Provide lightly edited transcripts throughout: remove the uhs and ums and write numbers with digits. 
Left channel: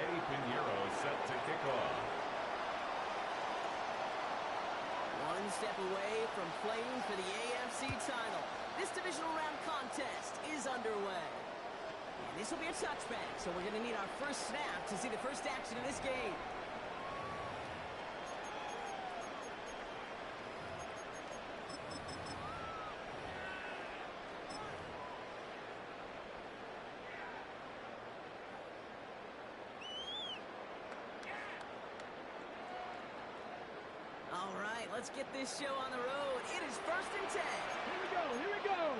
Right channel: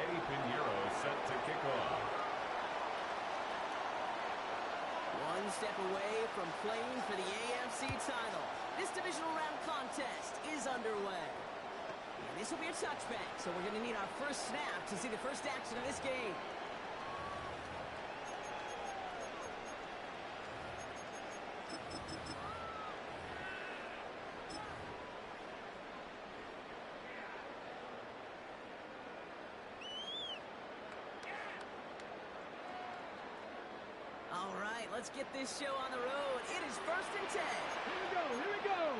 Eddie Pinheiro set to kick off. One step away from playing for the AFC title. This divisional round contest is underway. And this will be a touchback, so we're going to need our first snap to see the first action of this game. All right, let's get this show on the road. It is 1st and 10. Here we go.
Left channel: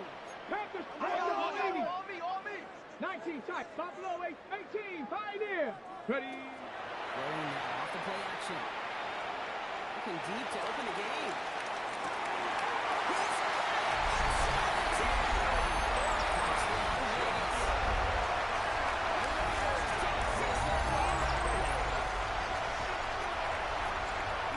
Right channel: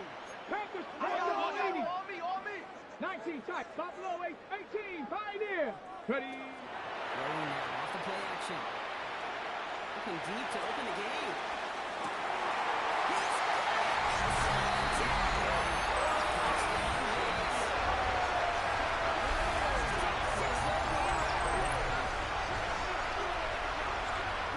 Panthers, on me. 19, tight, top below, 18, Pioneer. Ready. Throwing now off the play action. Looking deep to open the game. He's inside the 10. Touchdown, Vegas. Raiders take 6 lead.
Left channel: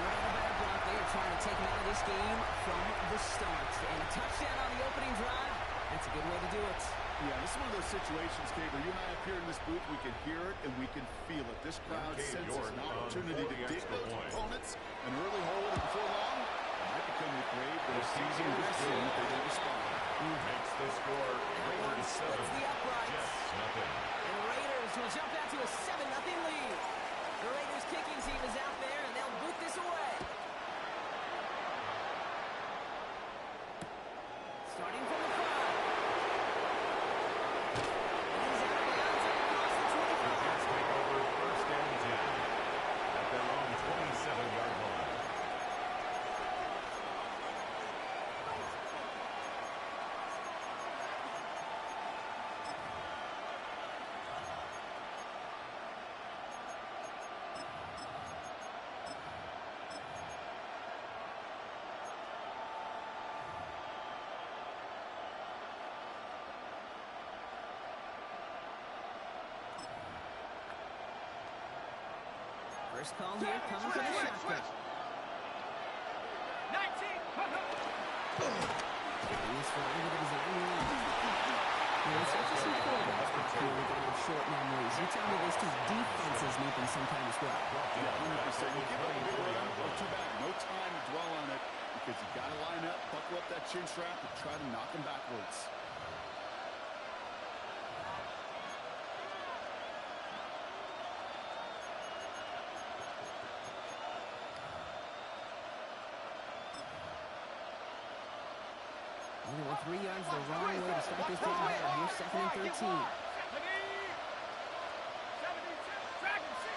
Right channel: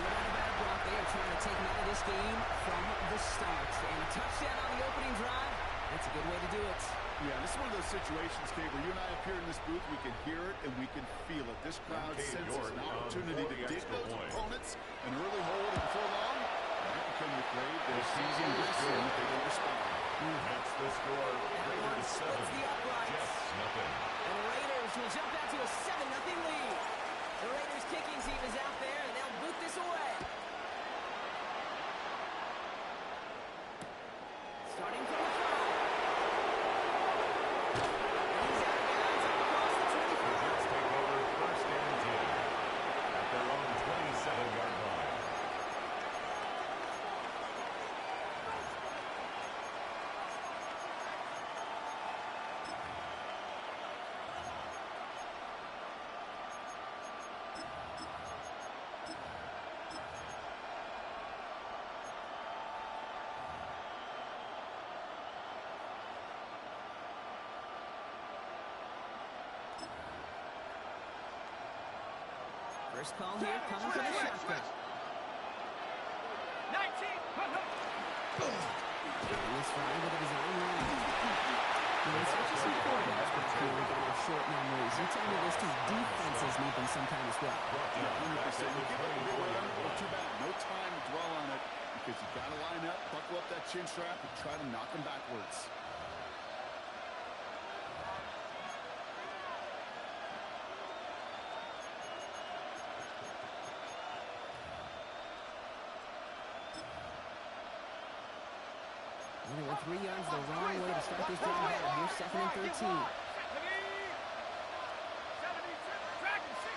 No doubt about it, Brock. They are trying to take him out of this game from the start. And a touchdown on the opening drive, that's a good way to do it. Yeah, this is one of those situations, Kate, where you and I up here in this booth, we can hear it and we can feel it. This crowd senses an opportunity to dig those opponents an early hold, and before long, it might become the grave their season risks in if they don't respond. Makes the score Raiders 7, Jets nothing. And the Raiders will jump out to a 7-0 lead. The Raiders kicking team is out there, and they'll boot this away. Starting from the 5. He's out of bounds across the 25. The Jets take over 1st and 10 at their own 27-yard line. First call here coming from the shotgun. 19. He's flying with a design run. It's not just some quarterbacks back here are going to have short memories. You tell me this too, defenses need them sometime as well. 100%. You give up a big run, well, too bad. No time to dwell on it because you got to line up, buckle up that chin strap, and try to knock him backwards. Only went 3 yards the wrong way to start this drive out. Here's 2nd and 13. 72, Dragon 60.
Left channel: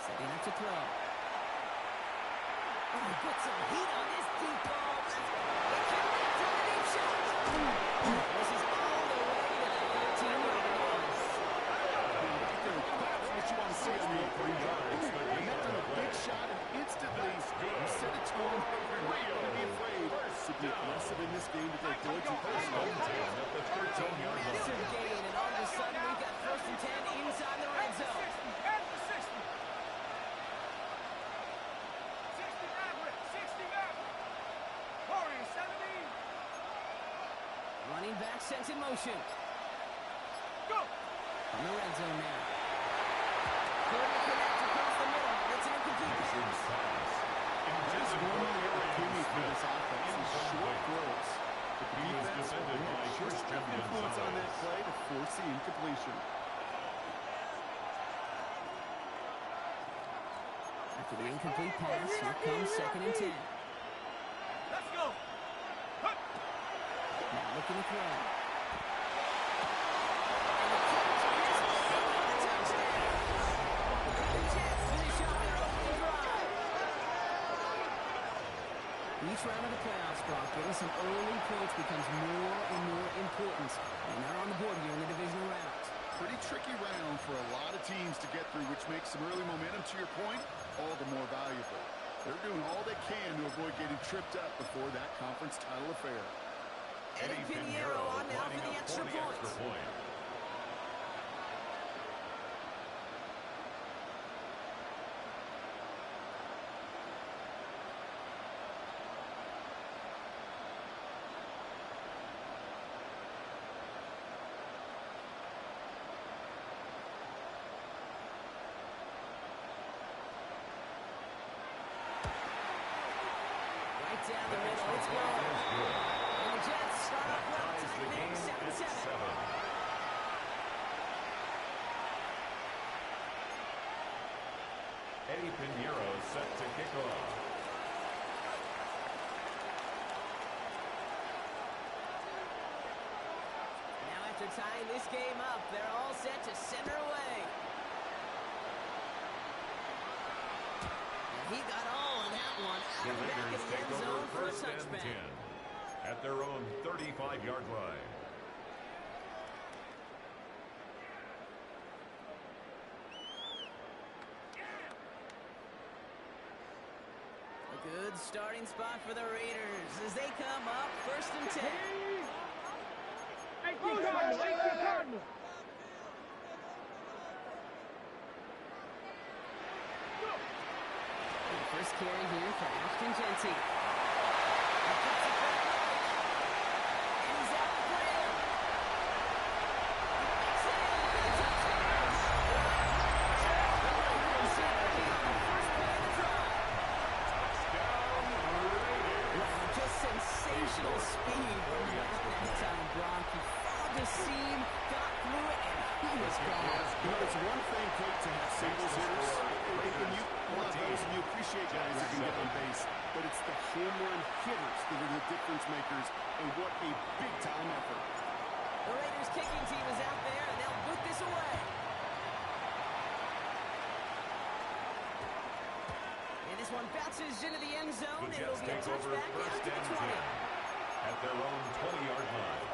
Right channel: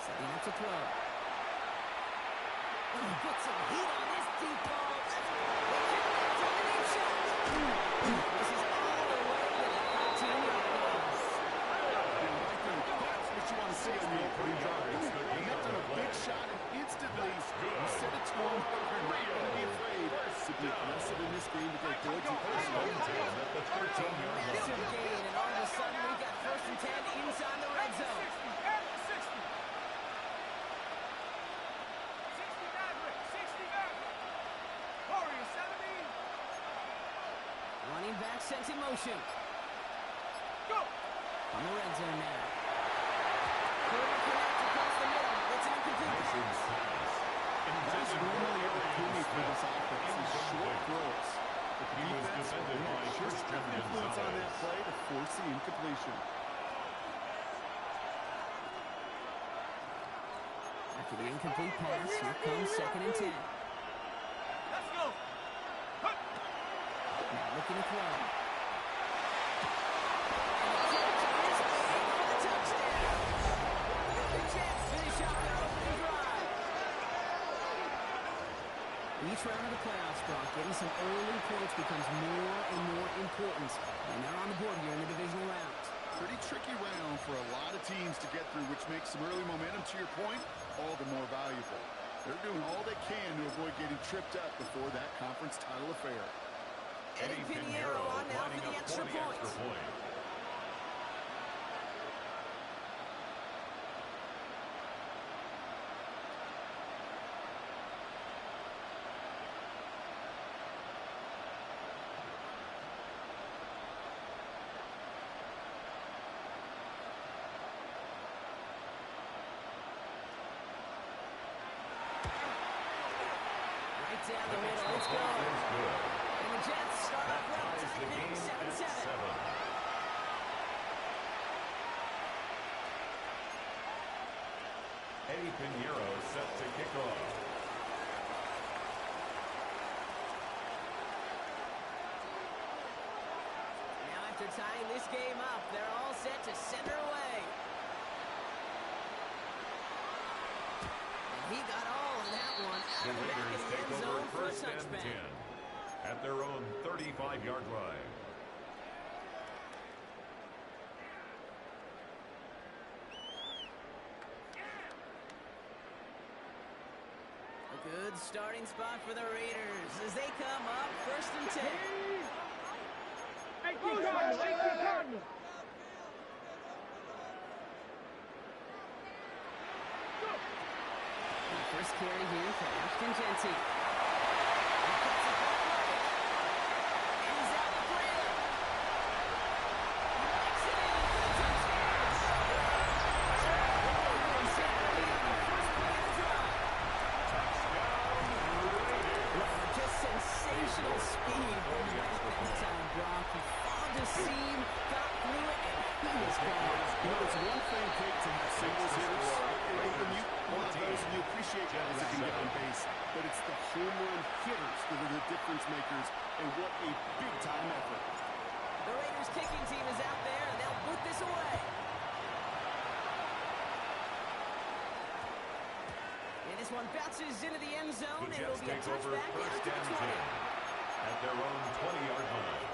Setting up to throw. Oh, put some heat on this deep ball. They connect on the deep shot. This is all the way to the 13-yard line. Right there, that's what you want to see on the opening drive. Connect on a big shot and instantly you set a tone. You're not going to be afraid to be aggressive in this game to go forward to personal. Massive gain, and all of a sudden we've got 1st and 10 inside the red zone. At the 60. 60 Maverick. 60 Maverick. Warrior 70. Running back sent in motion. Go. On the red zone now. Couldn't connect across the middle. It's an incomplete pass. That's normally a gimme for this offense. These short throws. But the defense will just have influence on that play to force the incompletion. After the incomplete pass, here comes 2nd and 10. Let's go. Now looking to throw. And the catch is made for the touchdown. The Jets finish off their opening drive. Each round of the playoffs, Brock, getting some early points becomes more and more important. And they're on the board here in the divisional round. Pretty tricky round for a lot of teams to get through, which makes some early momentum, to your point, all the more valuable. They're doing all they can to avoid getting tripped up before that conference title affair. Eddie Pinheiro on now for the extra point. down the The middle. extra It's point good. is good. And the Jets start That off well, ties tie the things game at 7-7. 7. Eddie Pinheiro set to kick off. Now after tying this game up, they're all set to send her away. And he got all of that one out The of the back Raiders of the take end over zone for a first and 10 touchback. at their own 35-yard line. A good starting spot for the Raiders as they come up first and 10. 18 Cardinals, 18 Cardinals. And first carry here for Ashton Genty. He cuts it back right. And he's out the clear. He makes it in for the touchdown. The Raiders have the lead on the first play of the drive. Touchdown, Raiders. Wow, just sensational speed from the back that time, Brock. He found a seam, got through it, and he was gone. You know, it's one thing, Kate, to have singles hitters. And you love those and you appreciate guys that can get on base. But it's the home run hitters that are the difference makers. And what a big-time effort. The Raiders kicking team is out there, and they'll boot this away. And this one bounces into the end zone, The and it'll Jets be a take over touchback out first to the and 20. 10 at their own 20-yard line.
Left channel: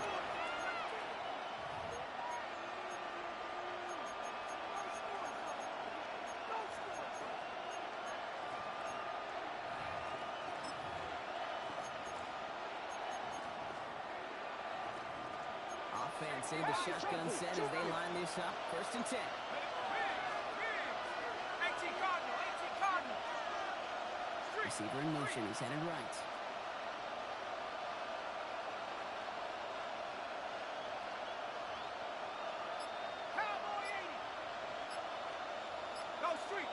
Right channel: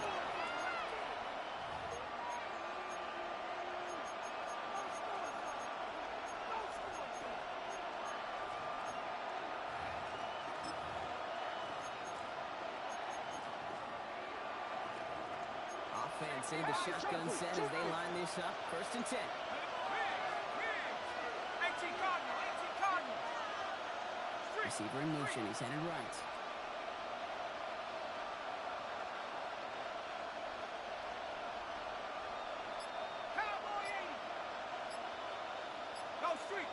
Offense in the shotgun set as they line this up. First and 10. 18 Cardinals, 18 Cardinals. Receiver in motion. He's headed right. Cowboy 80. Go street.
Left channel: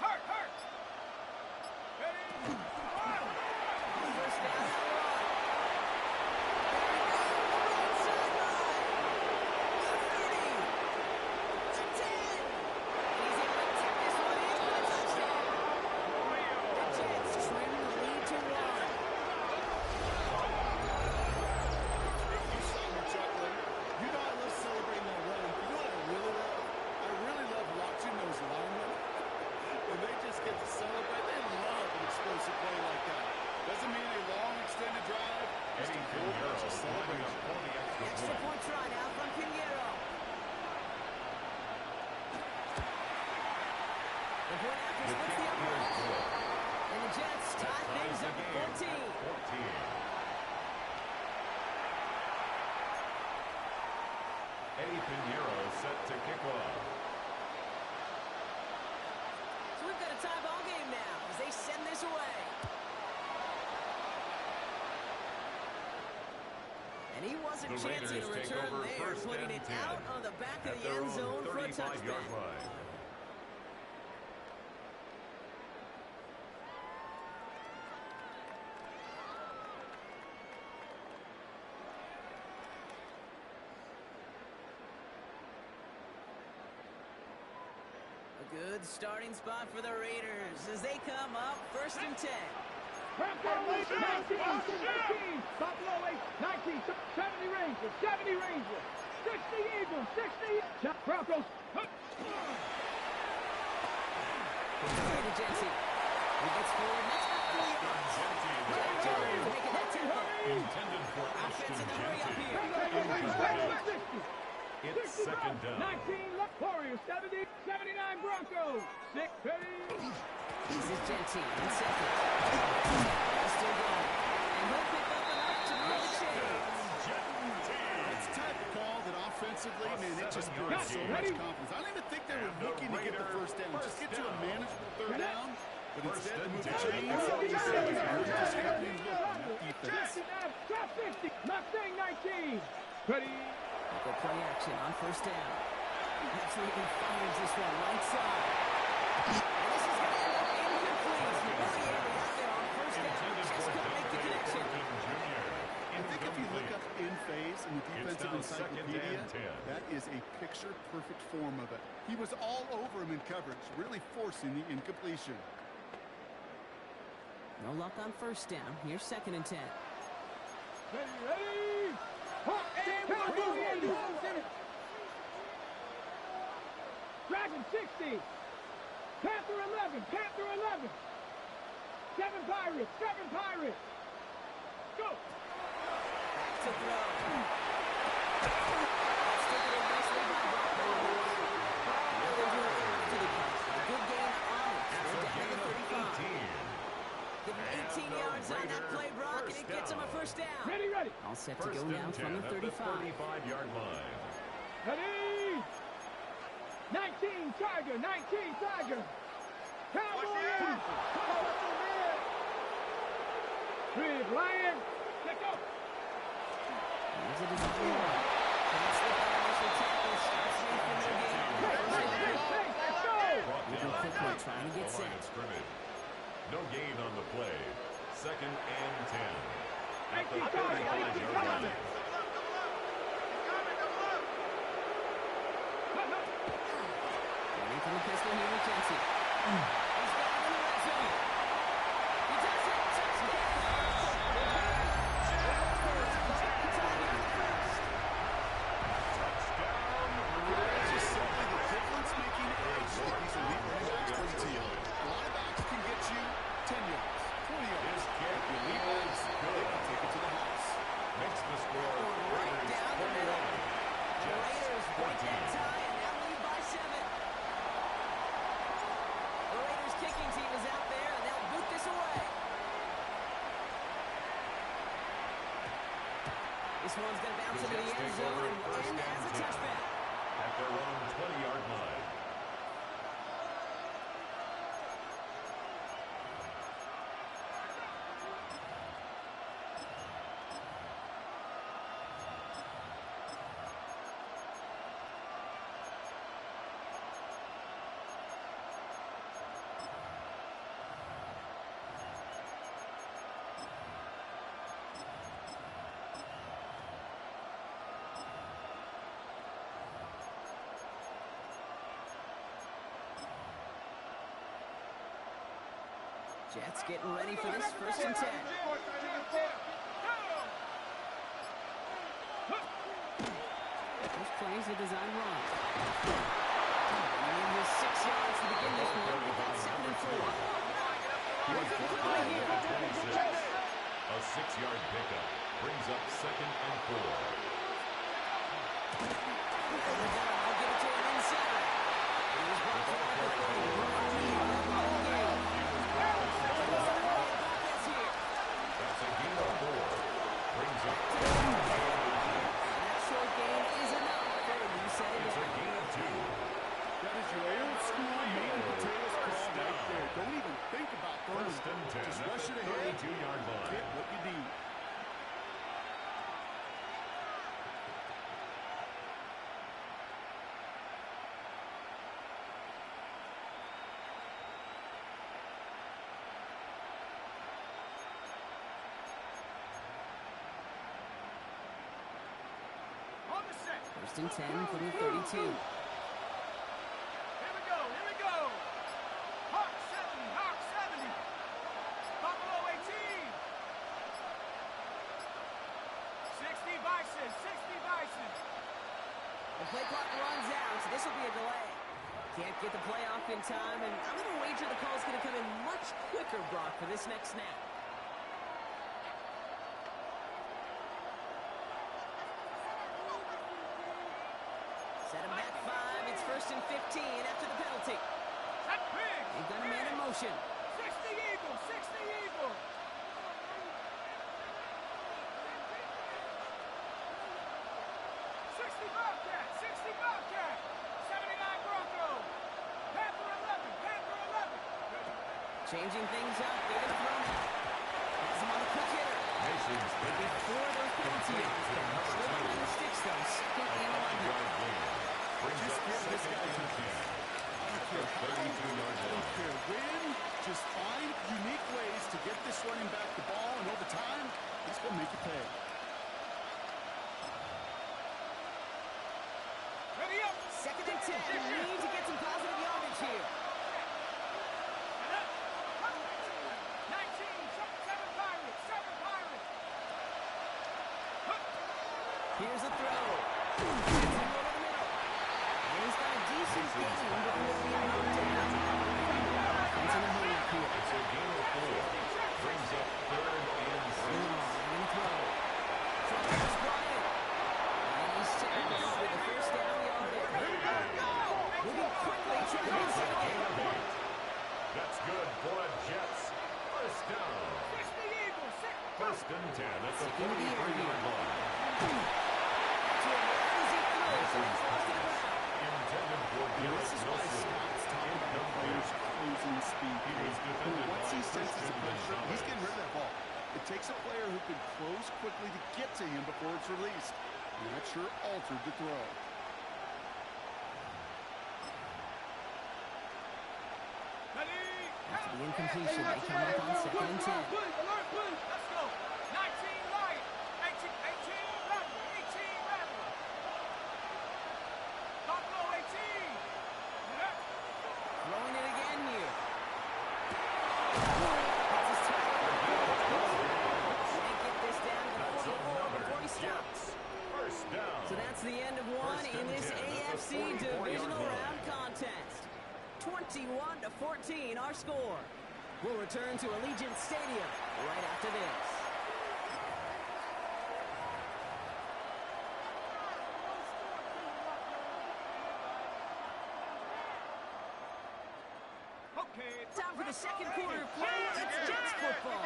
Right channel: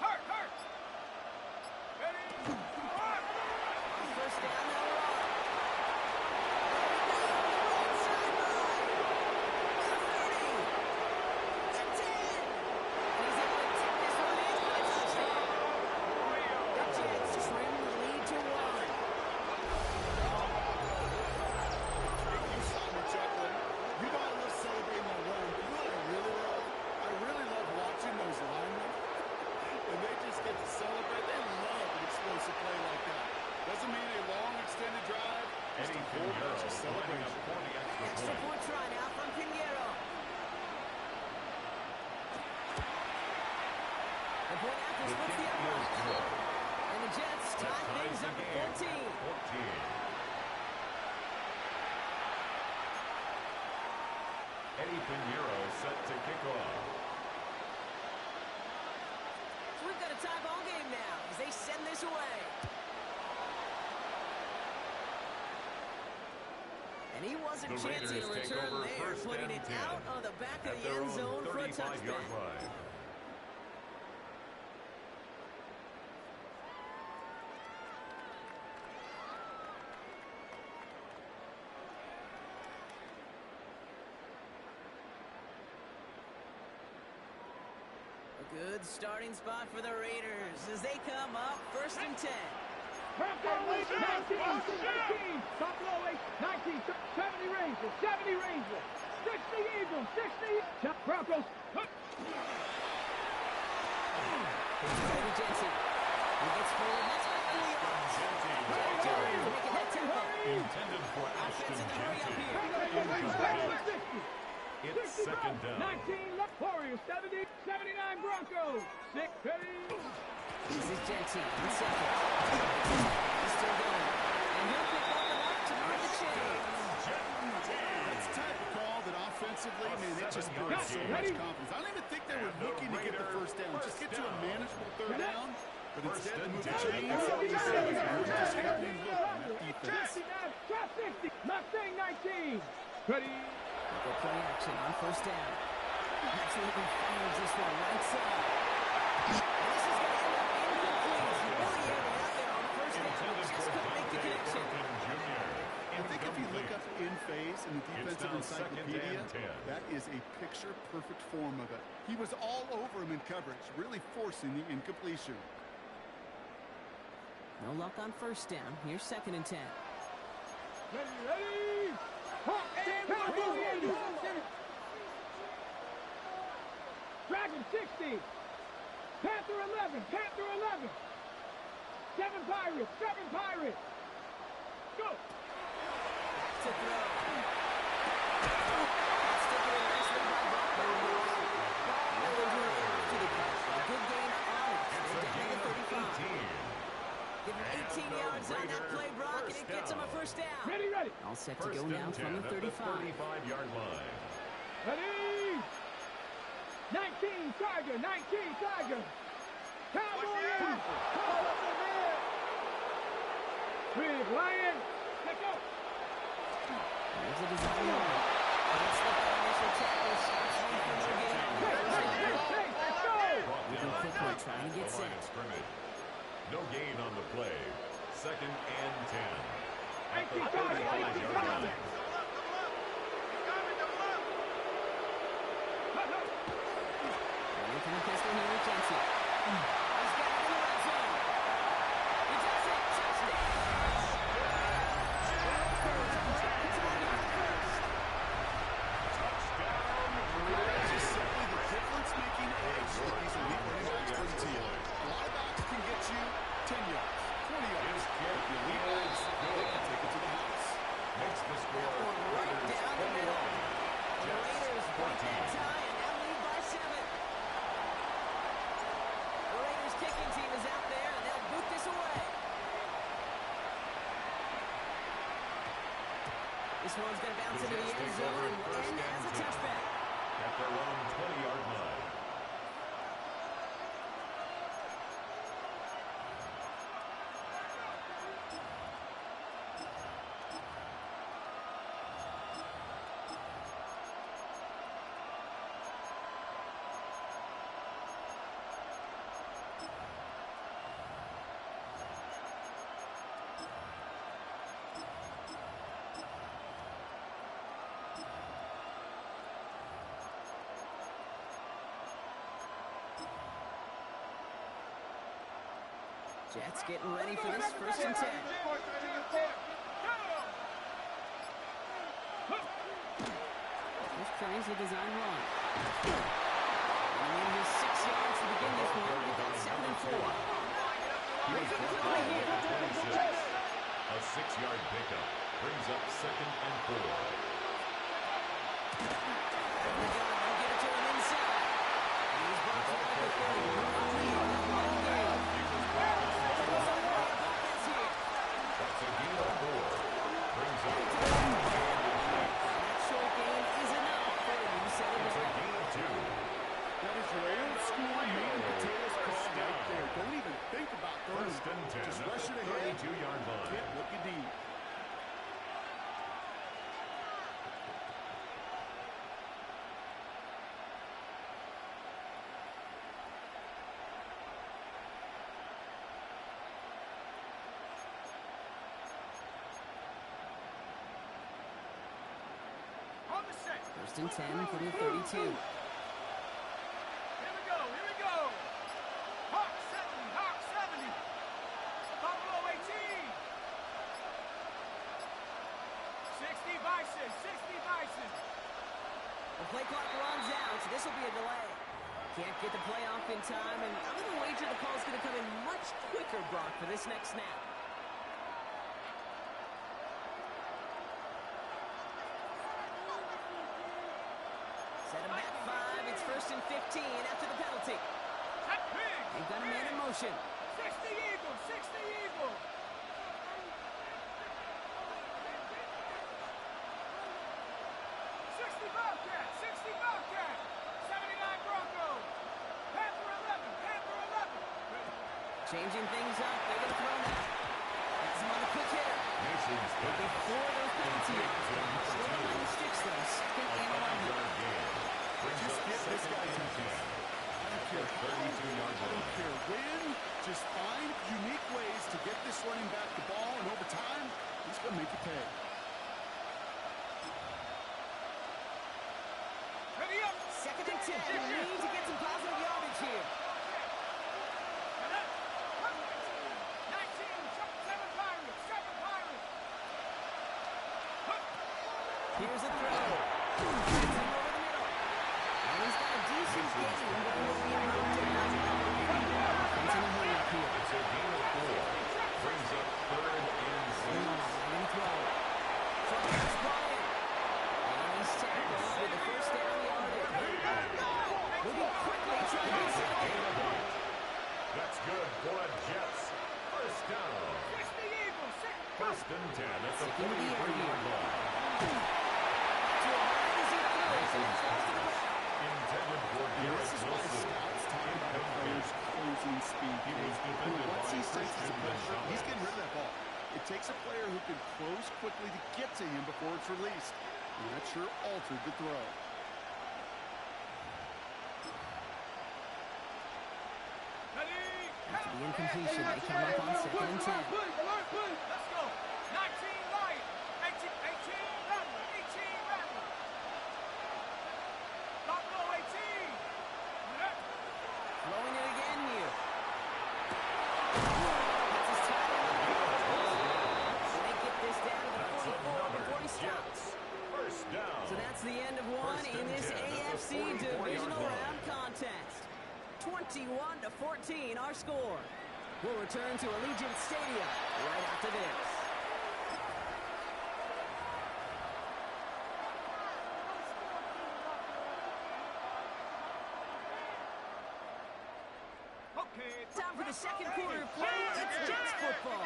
Hurt, hurt. Ready? Run. First down, they'll run. There he goes. Right sideline. The 30. The 10. And he's able to take this one in for a touchdown. The Jets trim the lead to 1. You saw me chuckling. You know I love celebrating that run. But you know what I really love? I really love watching those linemen. And they just get to celebrate. They love an explosive play like that. Doesn't mean a long extended drive. Just Eddie a whole bunch of Pinheiro lining up celebration. for the extra Extra point. point try now from Pinheiro. The point after The splits kick the is upright. good. And the Jets That tie ties things the up game at at 14. 14. Eddie Pinheiro set to kick off. So we've got a tie ball game now as they send this away. And he wasn't The chancing Raiders a take return over there, first putting and it 10 out on the back of at the their end own zone for a 35-yard touchback. line. A good starting spot for the Raiders as they come up first and 10. Broncos 19, 19. Buffalo 8, 19, 70 Rangers, 70 Rangers. 60 Eagles, 60. Broncos. Play to Genty. He gets forward, and that's about 4 yards. Genty Jack Jones making that tackle. intended for Offense Ashton in the hurry up Genty. here. It's second down. 19 left. Warriors 70, 79 Broncos. 6 ready. This is Genty in second. He's still going. And he'll pick up enough to move the chains. That's the type of call that offensively, man, it just 7-yard builds so gain. much confidence. I don't even think they were And the looking to get the Raiders first down. Just get to a first manageable third Get it. down. But First instead to and move the 10. chains, That's all you all say you is say. we're just having look on that defense. 59, top 50. Mustang 19. Ready. They'll go play action on first down. Absolutely fires this one right side. And this is going to end up incomplete. He really aimed it out there on first down. Intended Just for couldn't make think if you look up in phase in the defensive encyclopedia, that is a picture-perfect form of it. He was all over him in coverage, really forcing the incompletion. No luck on first down. Here's 2nd and 10. Ready? Dragon 60. Panther 11. Panther 11. 7 Pirates. 7 Pirates. Go. Back to throw. That's taken in nicely by Brock. Nothing doing after the catch. A good gain on it. They're down to 35. Give him 18 yards on that play, Brock, and it gets him a first down. Ready. All set to go now from the 35. 35-yard line. Ready. 19 Tiger. 19 Tiger. Cowboys. Call up the man. Big Lion. Let's go. Here's a design run. Can't slip that initial tackle. Starts late for no gain on the first down. Let's go. Moving quickly, trying to get set. No gain on the play. 2nd and 10. At the 19 35-yard line. Running from the pistol here with Jensen. He's got it in the red zone. He does it. Touchdown. Touchdown. It's just simply the difference-making edge that these elite running backs bring to you. A lot of backs can get you 10 yards, 20 yards. His kick The elite backs, is they good. can take it to the house. Makes the score Right Raiders down the 21. middle. The Jets Raiders break 14. that tie and now lead by 7. The Raiders kicking team is out there and they'll boot this away. This one's going to bounce into the Jets end take zone over and will first end and as a 10. touchback. At their own 20-yard line. Jets getting ready for this 1st and 10. First play is a design run. Bringing in just 6 yards to begin this one. We've got 7 and 4. He's brought down at the 26. A 6-yard pickup brings up 2nd and 4. They'll give it to him inside. And he's brought down at the 30. Broad lead. That long game. Offense here. That's a gain of 4. Brings up And 2nd and 2. that short gain is enough for a new set of It's a down. gain of 2. That is your old school meat and potatoes call right there. Don't even think about throwing. First and 10 Just at rush the it ahead. 32-yard line. Get what you need. On the set. 1st and 10 from the 32. Here we go. Hawk 70. Buffalo 18. 60 Bison. The play clock runs out, so this will be a delay. Can't get the play off in time, and I'm going to wager the call's going to come in much quicker, Brock, for this next snap. Set him back 5. It's 1st and 15 after the penalty. Set big. They've got a man in motion. 60 Eagle. 60 Bobcat. 79 Broncos. Panther 11. Changing things up. They're going to throw now. Has him on the quick hitter. Mason's pass. Before those penalty yards, still behind the sticks, though. 2nd and 11. 5-yard gain. Brings Just up give this 2nd guy and time. 10. I don't At care the how, 32-yard I don't line. care when. Just find unique ways to get this running back the ball, and over time, he's going to make you pay. Ready up. 2nd and 10. We need to get some positive yardage here. 19, 7 Pirates, 7 Pirates. Here's a throw. Gets him over the middle. And he's got a decent gain before being knocked down. Offense in a hurry up here. It's a gain of 4. Brings up 3rd and 6. They're going to throw. Here's Bryant. And he's tackled with the first down yardage. Moving quickly, trying to get it again. That's good for a Jets. First down. 1st and 10 at the 43-yard line. To a man as he throws, and it falls to the ground. Intended for And Garrett this is why Wilson. scouts talk about a player's closing speed. He was defended Once by he senses Christian the pressure, Gonzalez. he's getting rid of that ball. It takes a player who can close quickly to get to him before it's released. And that sure altered the throw. After the incompletion, they come up on 2nd and 10. Let's go. 19 Lion. 18 Rattler. 18 Rattler. Buffalo 18. Throwing it again here. That's his title. They get this down to the 44 before he stops. First down. So that's the end of one First in and this 10 at the AFC 44-yard Divisional line. Round contest. 21-14 our score. We'll return to Allegiant Stadium right after this. Time for the second quarter of play. It's Jets football.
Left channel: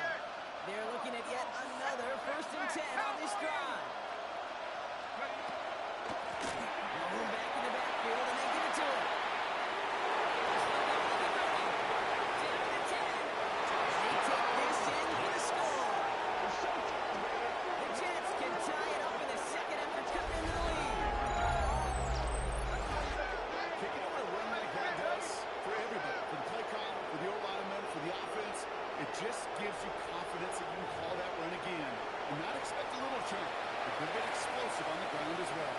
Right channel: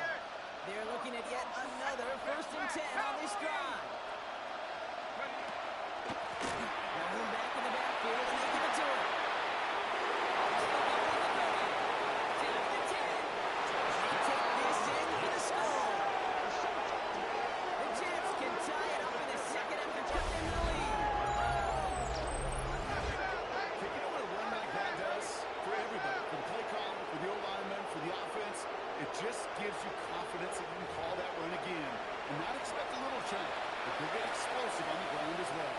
They're looking at yet another 1st and 10 on this drive. Now we're back in the backfield, and they give it to him. Still going to the 30. Down to the 10. They take this in for the score. The Jets can tie it up in the second after cutting into the lead. You know what a run like that does for everybody? For the play caller, for the O-lineman, for the offense, it just gives you confidence that you can call that run again and not expect a little chunk, but they'll get explosive on the ground as well.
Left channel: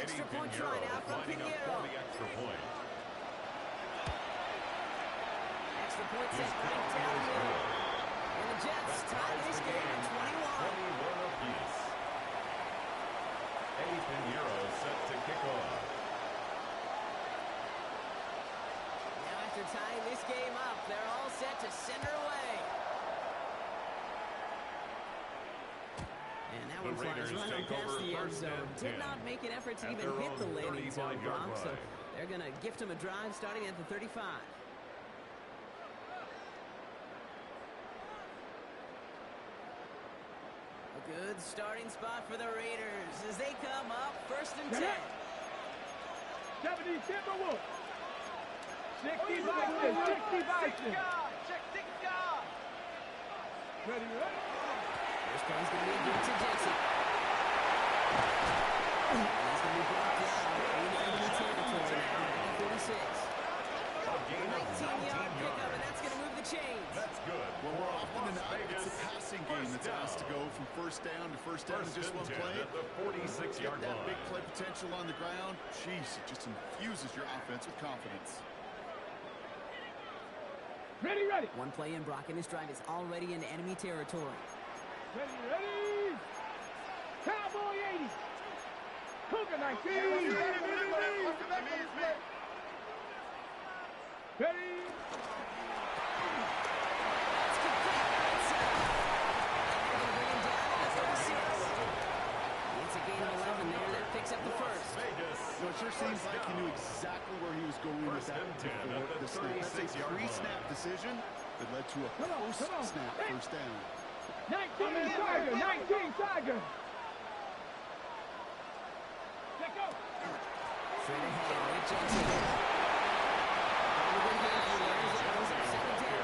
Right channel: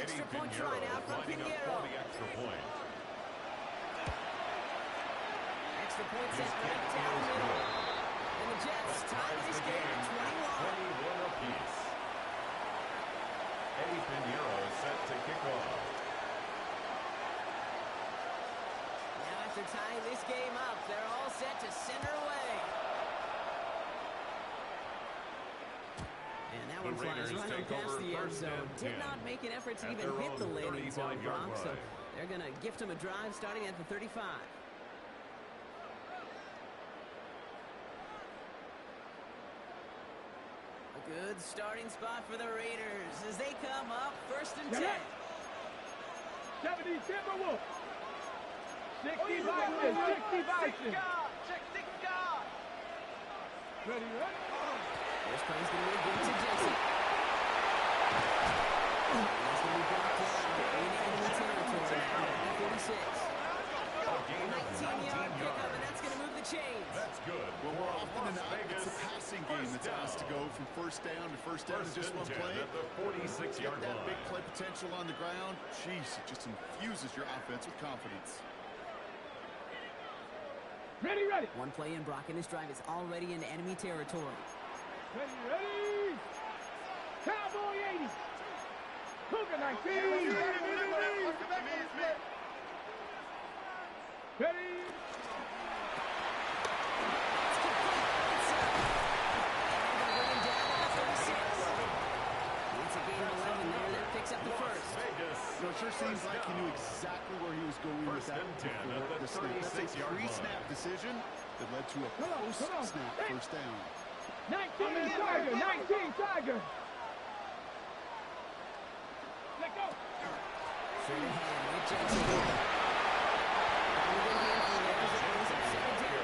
Extra Eddie point Pinheiro try now from lining up Pinheiro. for the extra point. Extra point His set right kick down the is middle. good. And the Jets That tie ties this the game game at 21. 21 apiece. Eddie Pinheiro set to kick off. Now after tying this game up, they're all set to send her away. And that The one flies Raiders right on take past over the end 1st zone. and Did 10 not make an effort to at even their hit the own landing zone 35-yard block, so line. they're going to gift him a drive starting at the 35. A good starting spot for the Raiders as they come up 1st and 10. 70 Timberwolves. 60 Vikings. 60 Vikings. Ready? First play is going to be a give to Jensen. And he's going to be brought down in enemy territory now at 46. A gain of 19-yard 19 pickup, and yards. that's going to move the chains. That's good. Well, for more often than Las not, Vegas. it's the passing game First that's asked to down. go from first down in First just and one 10 play. at the 46-yard Get that big line. play potential on the ground. Jeez, it just infuses your offense with confidence. Ready? One play in, Brock, and this drive is already in enemy territory. Ready? Cowboy 80. Cougar 19. Ready? It's complete right side. And they're going to bring him down at the 36. It's a gain of 11 there. That picks up the Las first. Vegas. You know, it sure seems First like he down. knew exactly where he was going with First that and 10 before at the the snap. That's a 36-yard pre-snap line. decision that led to a Come on. post-snap first down. 19 Tiger. 19 Tiger. Straight ahead with Jensen. On a good handful there as it brings up second down.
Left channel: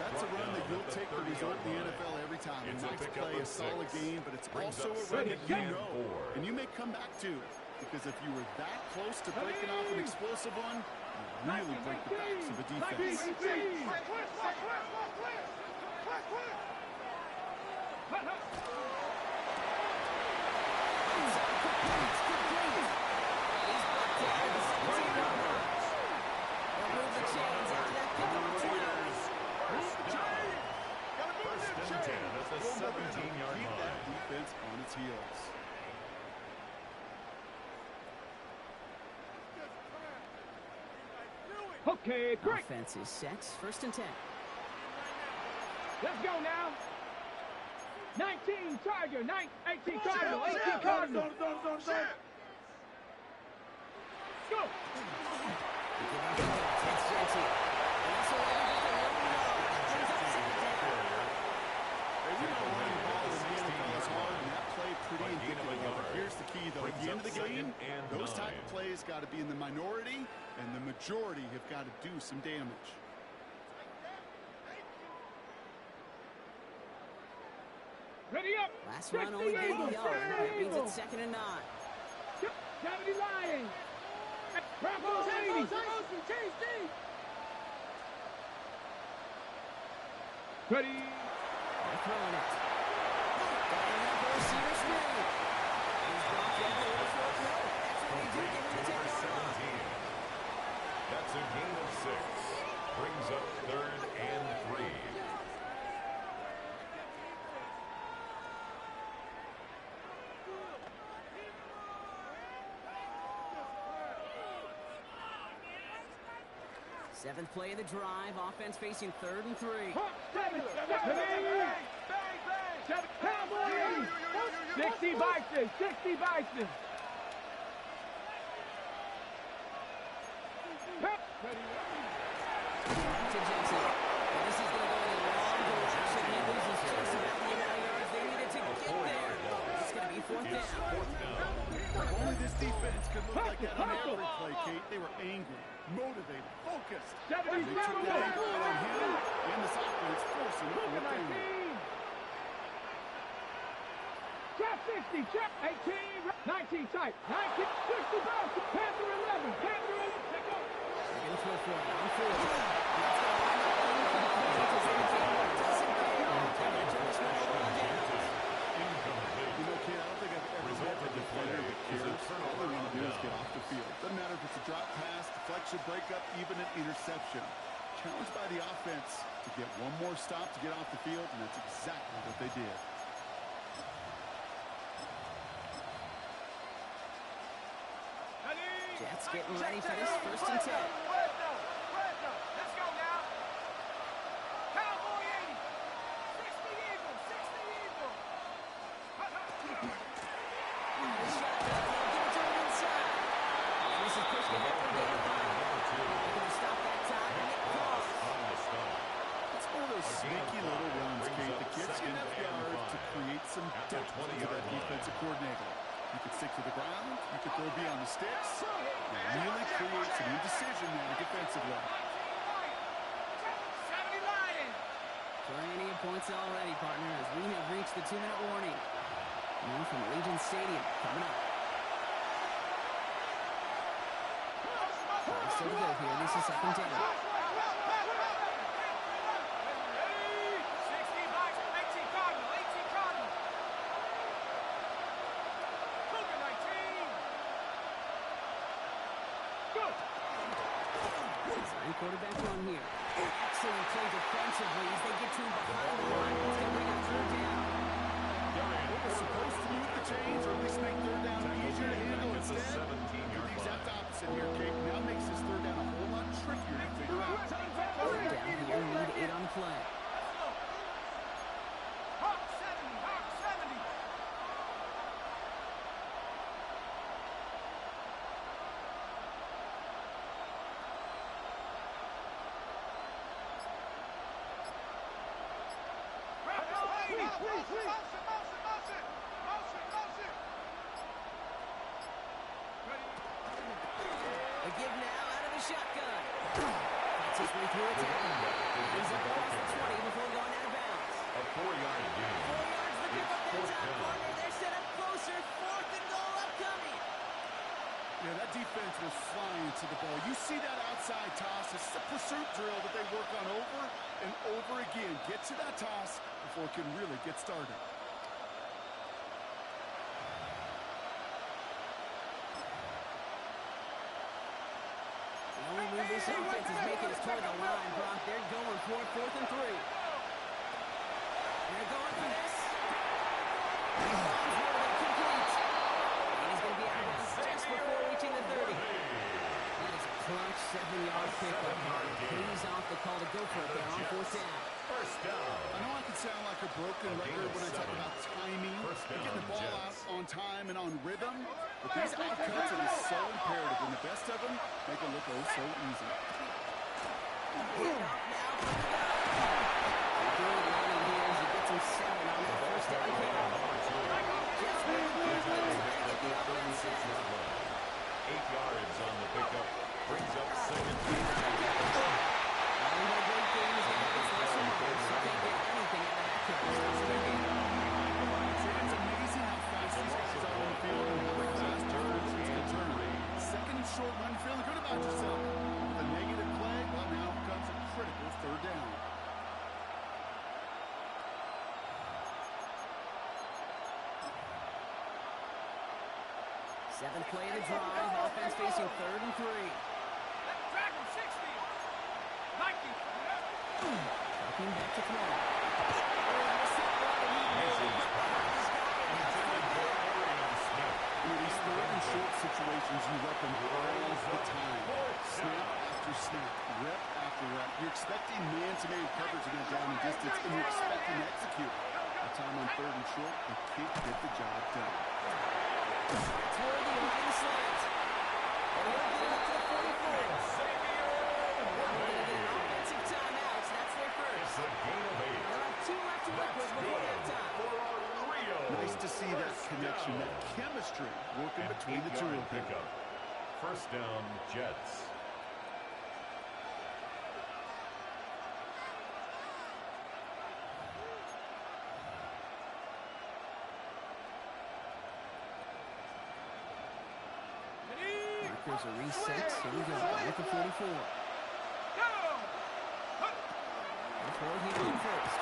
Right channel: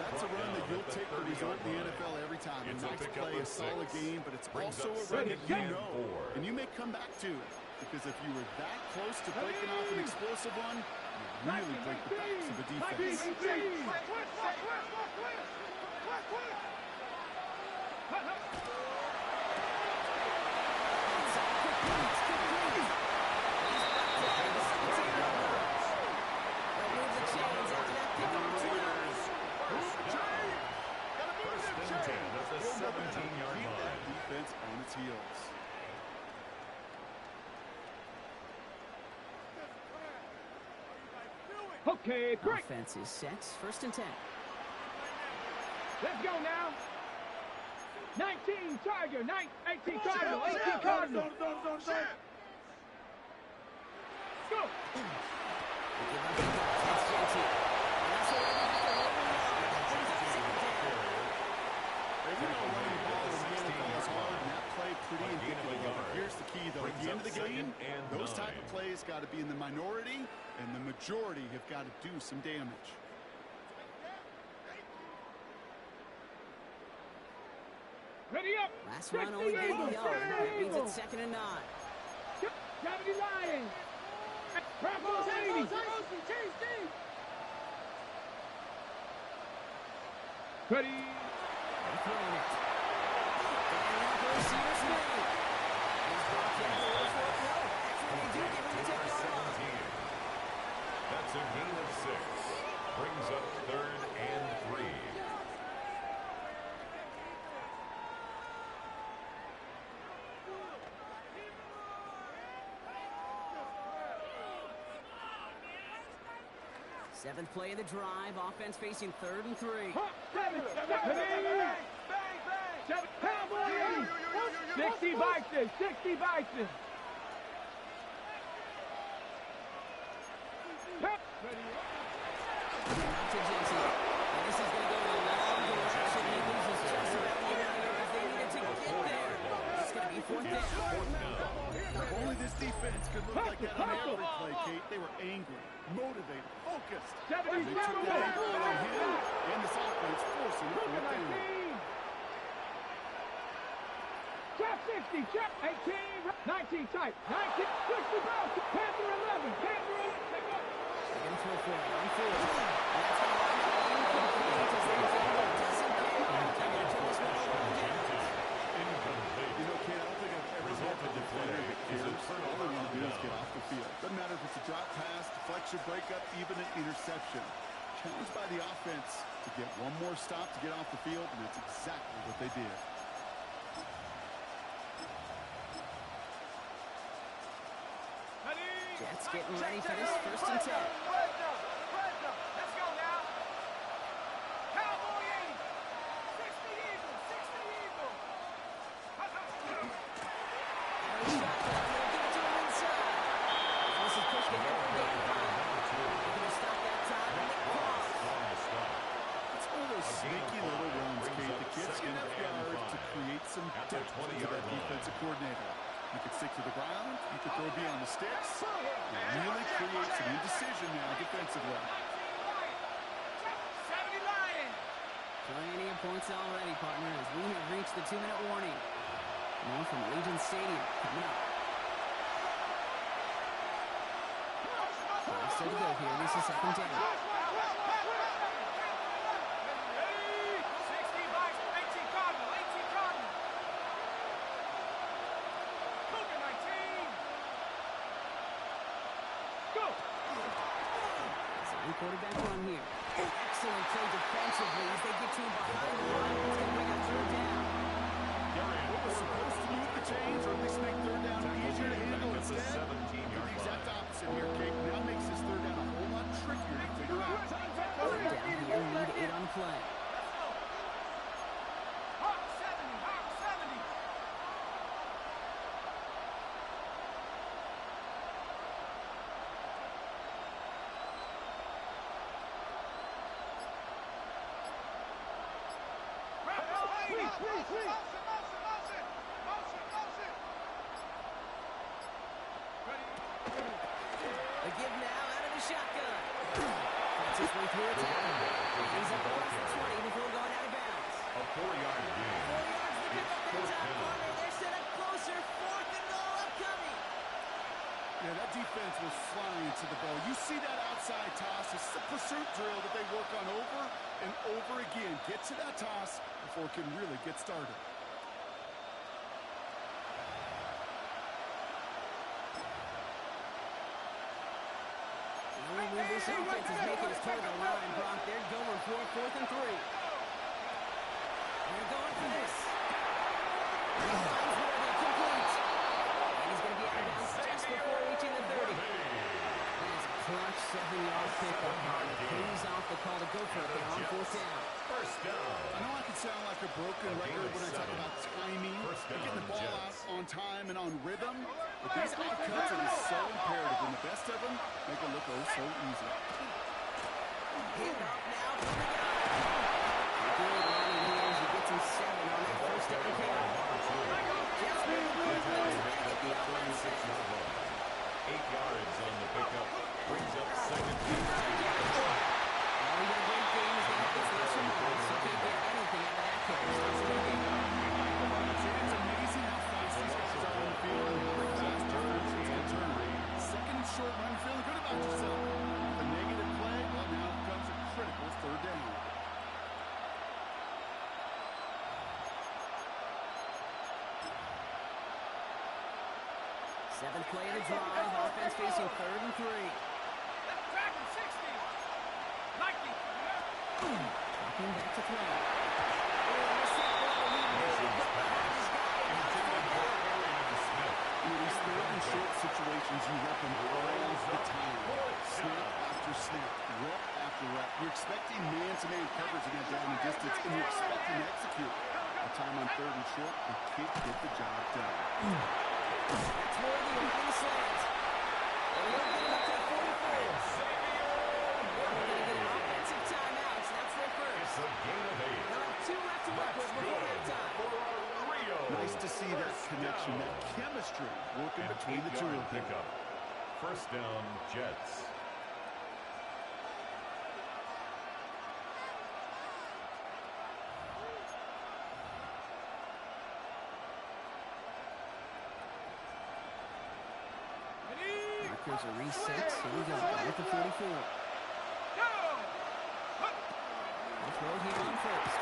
That's a run that you'll take the result in the NFL every time. A nice play, a solid game, but it's also a run that you know. And you may come back to, because if you were that close to breaking off an explosive one, you really break the backs of a defense. Defense on its heels. Okay, great. Offense is set. First and 10. Let's go now. 19 Tiger, 18 Cardinal, 18 Cardinal. Go. That's Jensen. And that's a little bit of a yard. That brings up second down. We know running the ball in the NFL is hard, and that play pretty indicative of it. Here's the key, though. At the end of the game, those type of plays got to be in the minority, and the majority have got to do some damage. Ready up. Last run only gained a yard. That means it's second and 9. 70 Lions. Broncos 80. Ready. They're throwing it. Dialing up for receiver screen. He's brought down to the fourth row. That's what they do. Give him the 10-yard line. That's a gain of 6. Brings up 3rd and 3. Seventh play of the drive. Offense facing 3rd and 3. 7 Cowboys. 60 Bison. 60 Bison. To Jensen. And this is going to go in a long direction. He loses just about the amount of yards they needed to get there. It's going to be 4th down. If only this defense could look like that on every play, Kate. They were angry, motivated, focused. They took that angle out on him and this offense, forcing it to look down. Trap 60, trap 18, 19 type, 19, 60 bucks, Panther 11, Panther 11, take off. They're going to throw for it on 4. And that's going to wind up incomplete as that gamble doesn't pay off. They're going to turn this one over on downs. Incomplete. You know, Kate, I don't think I've ever met a defender that cares. All they want to do is get off the field. Doesn't matter if it's a drop pass, deflection, breakup, even an interception. Challenged by the offense to get one more stop to get off the field, and that's exactly what they did. Jets getting ready for this 1st and 10. Let's go now. Cowboy 80. 60 Eagles. 60 Eagles. Shotgun. They'll give it to him inside. And this is pushed ahead for gain of 5. They're going to stop that time and make cross. It's one of those sneaky little runs, Kate, that gets enough yards to create some depth to that defensive coordinator. You could stick to the ground. You could throw beyond the sticks. And really create some indecision now defensively. 70 Lions. Plenty of points already, partner, as we have reached the 2-minute warning. More from Allegiant Stadium coming up. Still to go here. This is second down. 60 bucks, 18 Cardinal, 18 Cardinal. Cougar 19. Go. Design quarterback run here. Excellent play defensively as they get to him behind the line. It's going to bring up 3rd down. What was supposed to move the chains, or at least make 3rd down easier to handle instead? The exact opposite here, Kate. Now makes this 3rd down a whole lot trickier to figure out. 3rd down here, lead 8 on the play. Hawk 70, Hawk 70. Please. Motion. Ready. A give now out of the shotgun. Fights his way through a tackle. He's up across the 20 before going out of bounds. A 4-yard gain. 4 yards to pick up that top corner. They're set up closer. 4th and goal upcoming. Yeah, that defense was flying to the ball. You see that outside toss. It's a pursuit drill that they work on over and over again. Get to that toss before it can really get started. The only move this offense is making is toward the line, Brock. They're going for 4th and 3. They're going for this. He finds Worthy complete. And he's going to be out of bounds just before reaching the 30. That is a clutch 7-yard pickup. It pays off the call to go for it there on 4th down. First down. I know I can sound like a broken record when I talk about timing and getting the ball out on time and on rhythm, but these outcuts are so imperative, and the best of them make it look oh so easy. Hand off now from the gun. Good running here as he gets him 7 on that first down carry. Just moving quickly, trying to get the offense set. 8 yards on the pickup. Brings up second. Well, he had a great game. He's going to have this lesson marks, so can't get anything out of that carry. Stops kicking. It's amazing how fast these guys are on the field and how fast turns and turn. Second and short run, you're feeling good about yourself. With a negative play, well, now comes a critical 3rd down. Seventh play of the drive. Offense facing 3rd and 3. Dragon 60. Nike. Dropping back to throw. Oh, missed that one, and he really put behind his guy, and now it's 4th down. In these 3rd and short situations, you rep them all the time. Snap after snap, rep after rep. You're expecting man-to-man coverage in that down and distance, and you're expecting to execute. A time on 3rd and short, they can't get the job done. That's Worthy opening the slant. And he'll get it up to the 44. They're going to get an offensive timeout. That's their first. It's a gain of 8. They'll have 2 left to work with before halftime. For our Rio. Nice to see that connection, that chemistry working between the two of them. Pickup. First down, Jets. Markers are reset. Here we go. At the 44. They'll throw it here on first.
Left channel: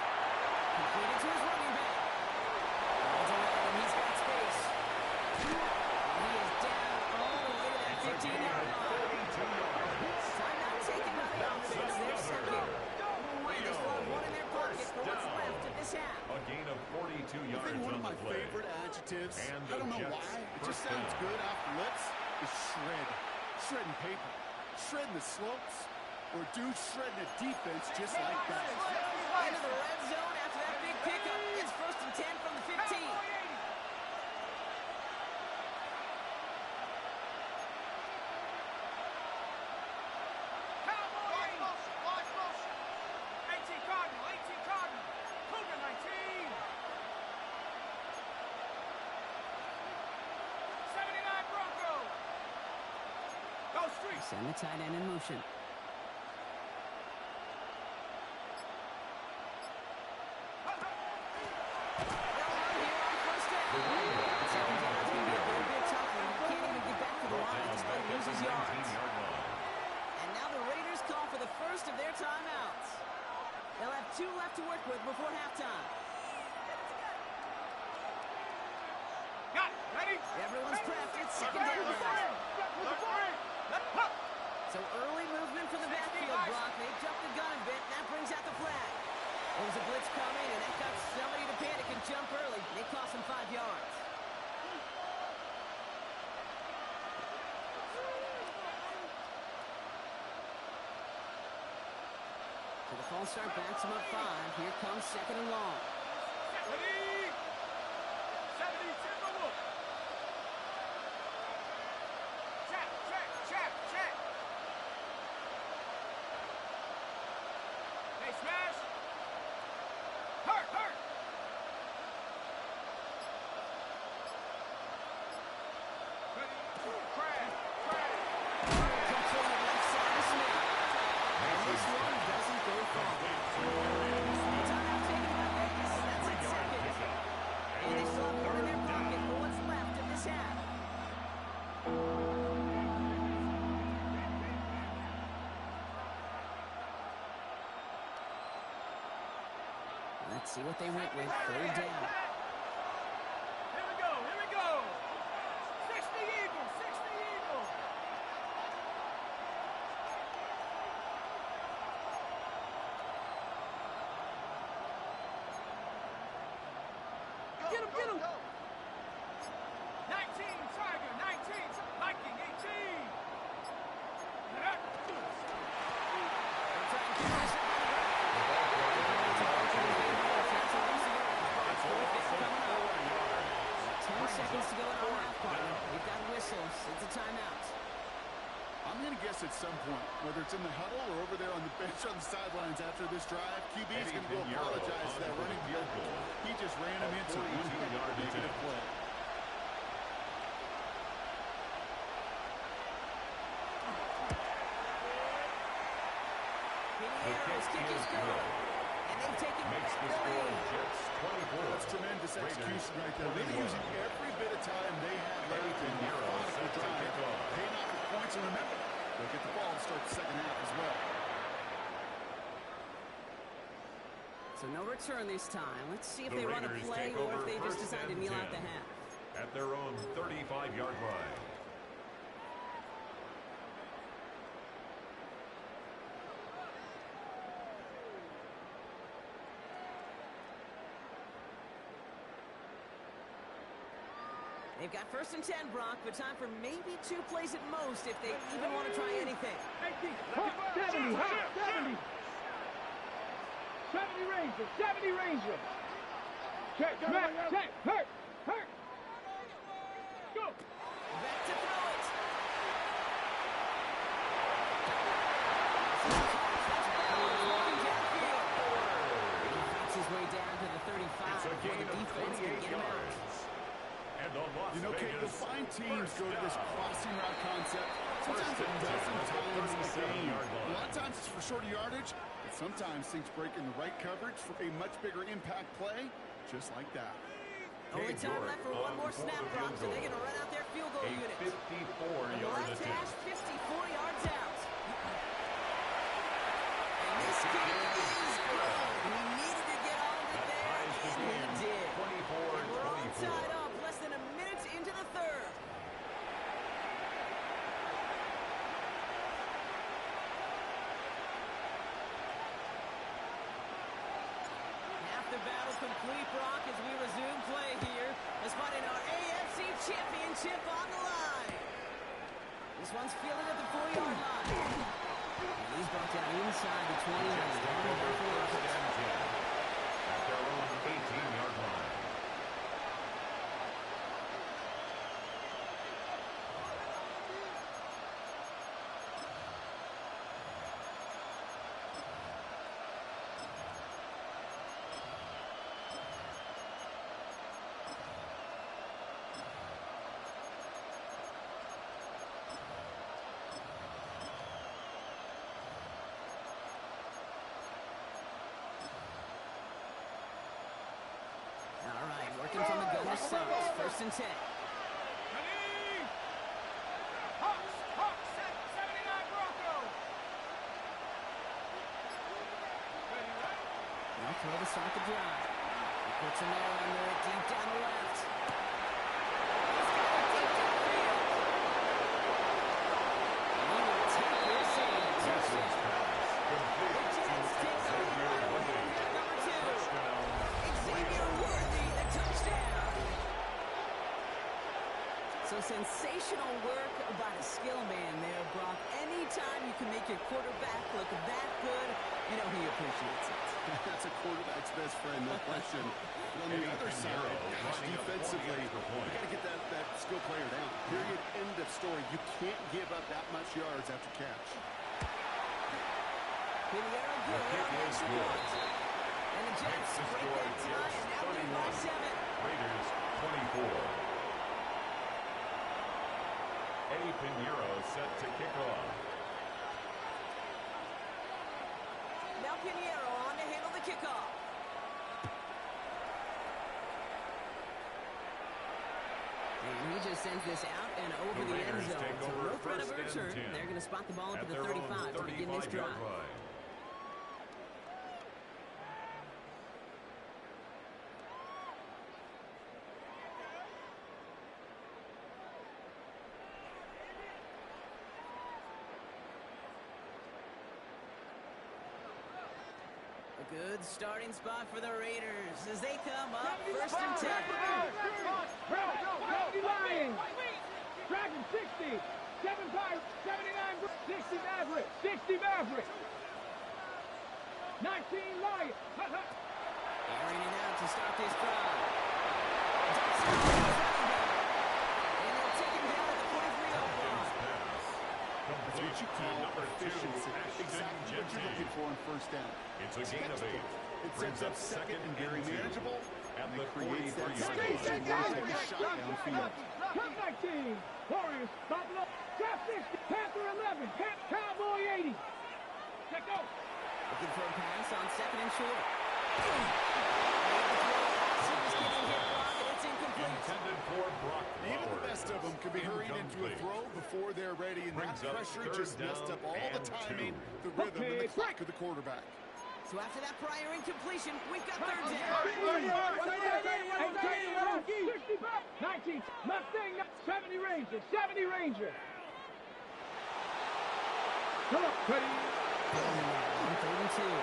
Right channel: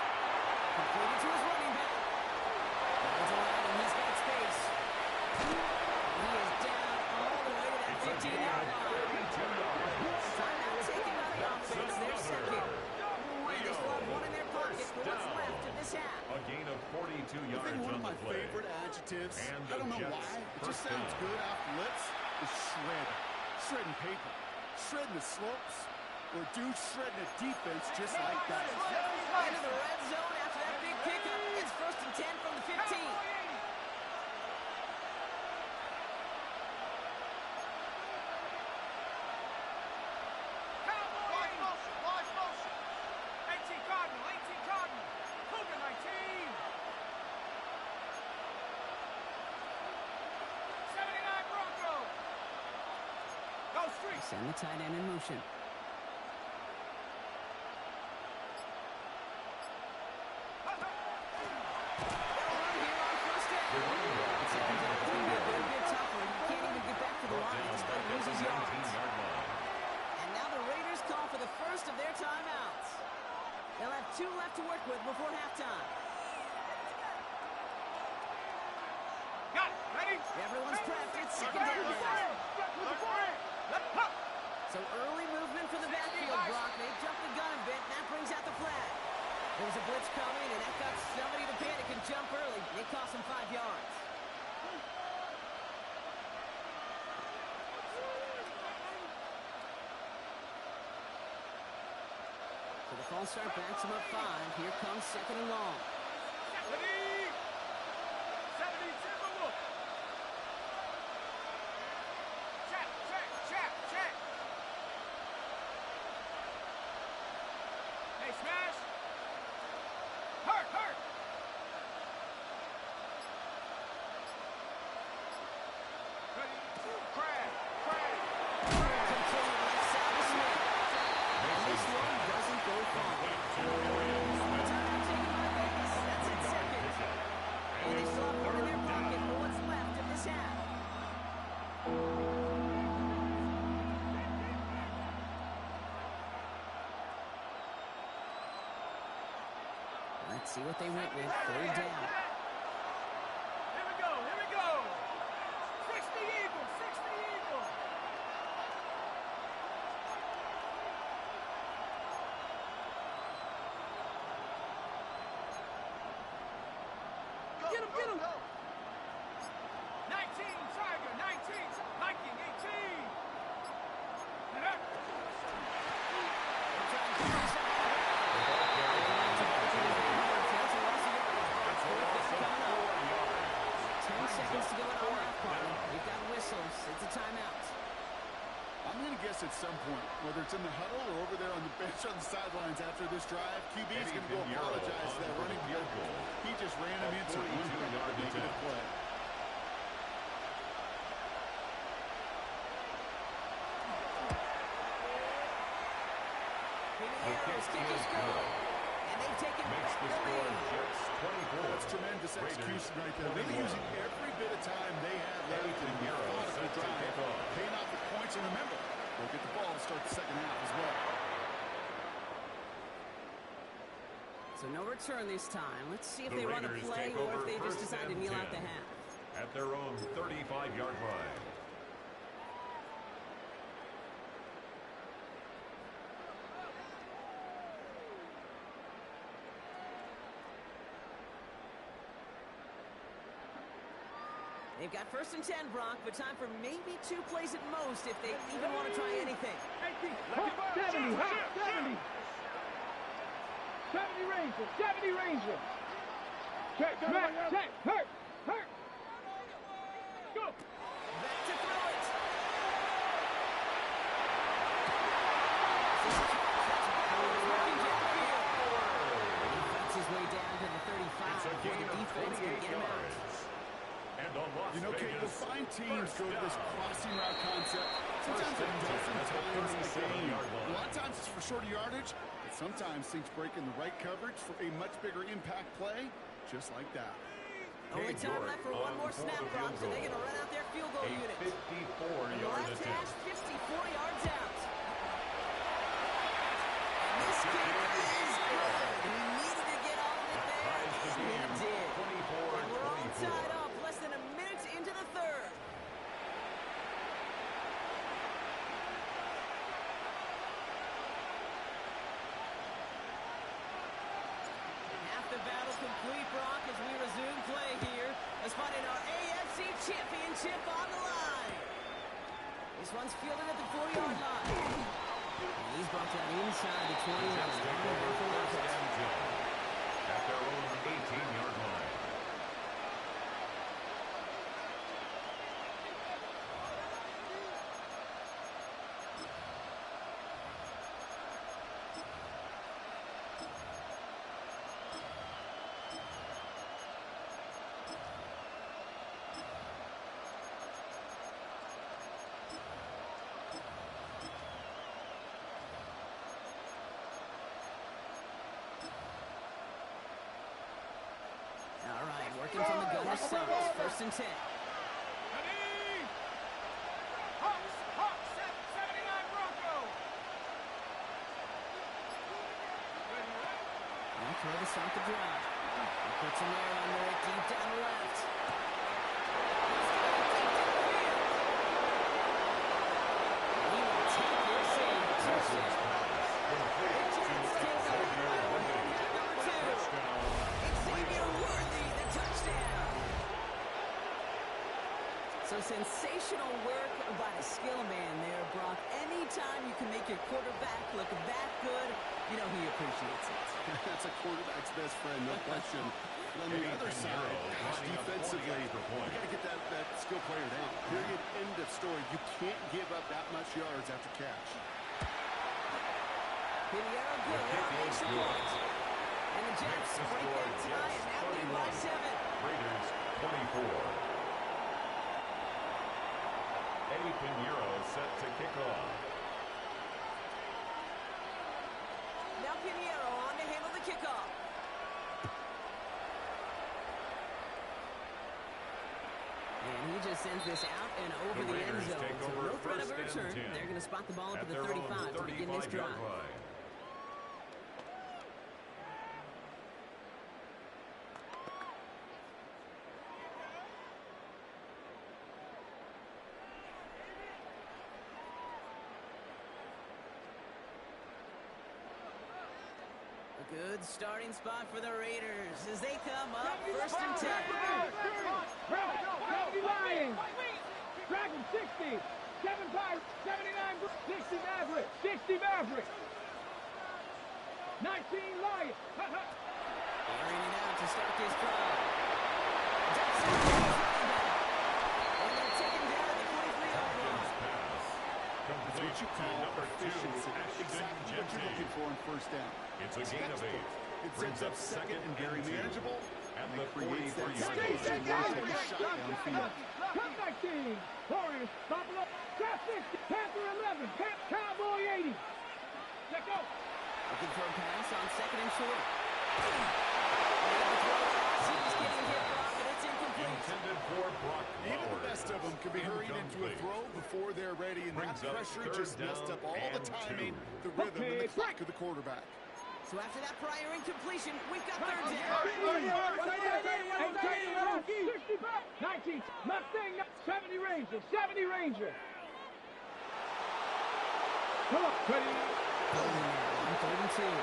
Completed to his running back. Runs around and he's got space. And he is down all the way to that 15-yard line. Timeout taken by the offense. They're second. And they still have 1 in their pocket for what's left of this half. A gain of 42 I yards think one on of my the play. favorite adjectives, And I don't know Jets why, it just first sounds down. good off the lips, is shred. Shredding paper. Shredding the slopes. Or dude shredding a defense just like that. Into the red zone after that big pickup. It's 1st and 10 from the 15. Watch motion. 18 Cardinal. Cougar 19. 79 Bronco. Go street. Send the tight end in motion. They'll run here on first down. Second down is going to be a bit tougher. He can't even get back to the line despite losing yards. 19-yard line. And now the Raiders call for the first of their timeouts. They'll have 2 left to work with before halftime. Got it. Ready? Everyone's prepped. It's second down now. So early movement for the backfield, Brock. They jumped the gun a bit, and that brings out the flag. There was a blitz coming, and that got somebody to panic and jump early. It cost them 5 yards. So the false start backs him up 5. Here comes 2nd and long. Ready? 70 Timberwolf. Check. Hey, smash. Hurt. Ready? Crash. Let's see what they went with. Third down. Here we go. Here we go. 60 Eagles. 60 Eagles. Get him, get him. 19, Tiger, 19, Viking, 18. They're trying to finish up on the ground. That's a loss of yards. Fourth down coming up. 10 seconds to go in our half part. We've got whistles. It's a timeout. I'm going to guess at some point, whether it's in the huddle or over there on the bench on the sidelines after this drive, QB is going to go apologize to that running field goal. He just ran him into one negative play. Pinheiro's kick is good. And they've taken back the lead. Jets 24. That's tremendous execution right there. Really using every bit of time they had left in the methodical drive. Paying off the points, and remember, they'll get the ball to start the second half as well. So no return this time. Let's see if they run a play or if they just decide to kneel out the half. At their own 35-yard line. They've got 1st and 10, Brock, but time for maybe 2 plays at most if they even want to try anything. 70, 70. 70 Rangers, 70 Rangers. Check, hurt. Go. Back to throw it. That's Bowers walking downfield. He fights his way down to the 35 before the defense can get him out. You know, Kate, you'll find teams go to this crossing route concept sometimes a dozen times a game. A lot of times it's for shorter yardage, but sometimes things break in the right coverage for a much bigger impact play, just like that. Only time left for one more snap, Brock, so they're going to run out their field goal unit. 54-yard attempt. Left hash, 54 yards out. And this kick is good. He needed to get all of it there, and he did. And we're all tied up, less than a minute into the third. Half the battle complete, Brock, as we resume play here. A spot in our AFC Championship on the line. This one's fielded at the 4-yard line. And he's brought down inside the 20. At their own 18-yard line. All right, working from the gunner's side. 1st and 10. Ready? Hawks, 79 Broncos. Ready? Now throw to start the drive. He puts an air under it deep down the left. He's got it deep downfield. And he will take this in. The Jets take the lead right away in half number 2. Xavier Worthy, the touchdown. So sensational work by the skill man there, Brock. Anytime you can make your quarterback look that good, you know he appreciates it. That's a quarterback's best friend, no question. But on the other side, gosh, defensively, you got to get that skill player down. Period, end of story. You can't give up that much yards after catch. Pinheiro good on the extra point. And the Jets break that tie and now lead by 7. Raiders 24. Eddie Pinheiro set to kick off. Now Pinheiro on to handle the kickoff. And he just sends this out and over the end zone. So no threat of a return. They're going to spot the ball up at the 35 to begin this drive. good starting spot for the Raiders as they come up first and 10. Lions. Dragon 60. 7 Pirates. 79. 60 Mavericks. 60 Mavericks. 19 Lions. Airing it out to start this drive. Ducks out to his running back. And they'll take him down at the 43-yard line. That's what you call efficiency. Exactly what you're looking for on first down. It's a gain of 8. It sets up second and very manageable. At And the it creates that 43-yard space line. to take a shot downfield. Cup 19. Warriors. Buffalo. Cap 60. Panther 11. Cowboy 80. Check go. Looking for a pass on second and short. Made the throw pass. He was getting hit block, and it's incomplete. Intended for Brock Even the Bowers. best of them can be hurried into a throw before they're ready, and that Brings up pressure third just messed down up all the and timing, 2. the rhythm, and the clock of the quarterback. So after that prior incompletion, we've got third down. 19. Mustang. 70 Ranger. 70 Ranger. Come on. Ready. Going now on third and 2. And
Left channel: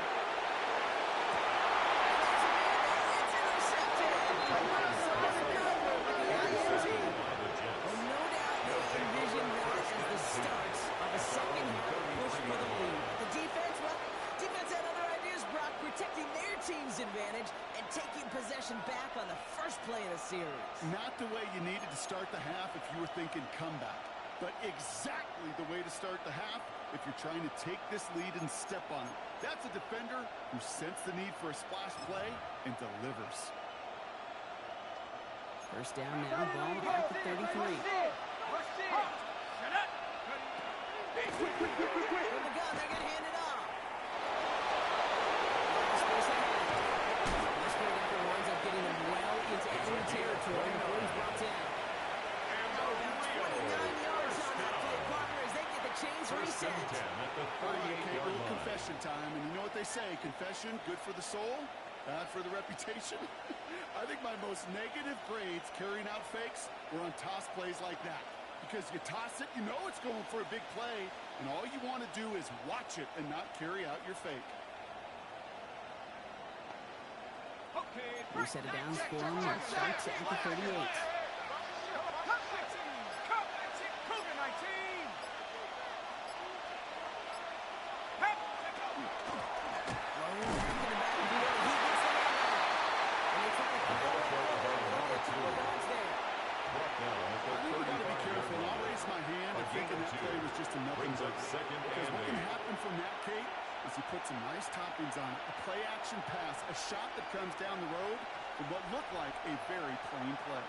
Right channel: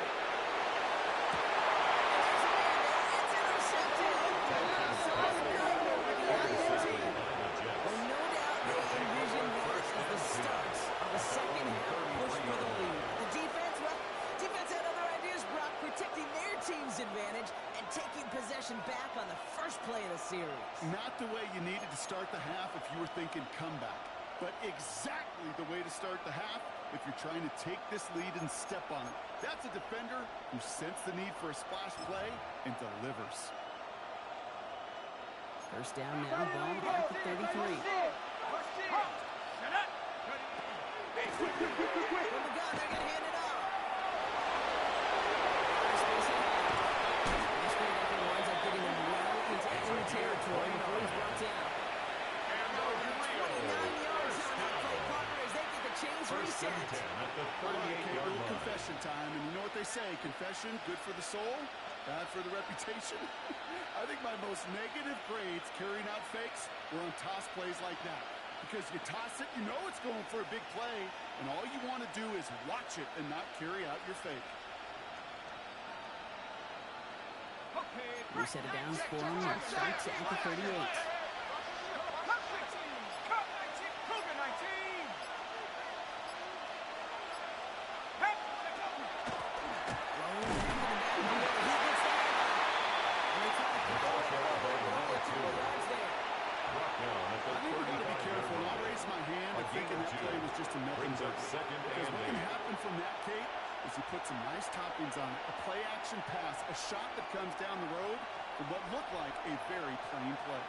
there's a man there. It's intercepted. Well, no doubt they envision that as the start of a second half push for the lead. The defense, well, defense had other ideas, Brock, protecting their team's advantage and taking possession back on the first play of the series. Not the way you needed to start the half if you were thinking comeback, but exactly the way to start the half if you're trying to take this lead and step on it. That's a defender who sensed the need for a splash play and delivers. First down now, ball at the 33. From the gun, they're going to hand it off. A lot of space ahead. This great effort winds up getting them well into enemy territory before he's brought down. Now about 29 yards on that play, partner, as they get the chains First and reset. 10 at the All right, 38-yard little line. confession time, and you know what they say, confession, good for the soul, bad for the reputation. I think my most negative grades carrying out fakes were on toss plays like that. Because you toss it, you know it's going for a big play, and all you want to do is watch it and not carry out your fake. We set it down for him and starts at the 38. I think we got to be careful. I'll raise my hand if thinking that play was just a nothing Brings up burger. second Because and what can 8. happen from that, Kate, is you put some nice toppings on it. A play-action pass, a shot that comes down the road from what looked like a very plain play.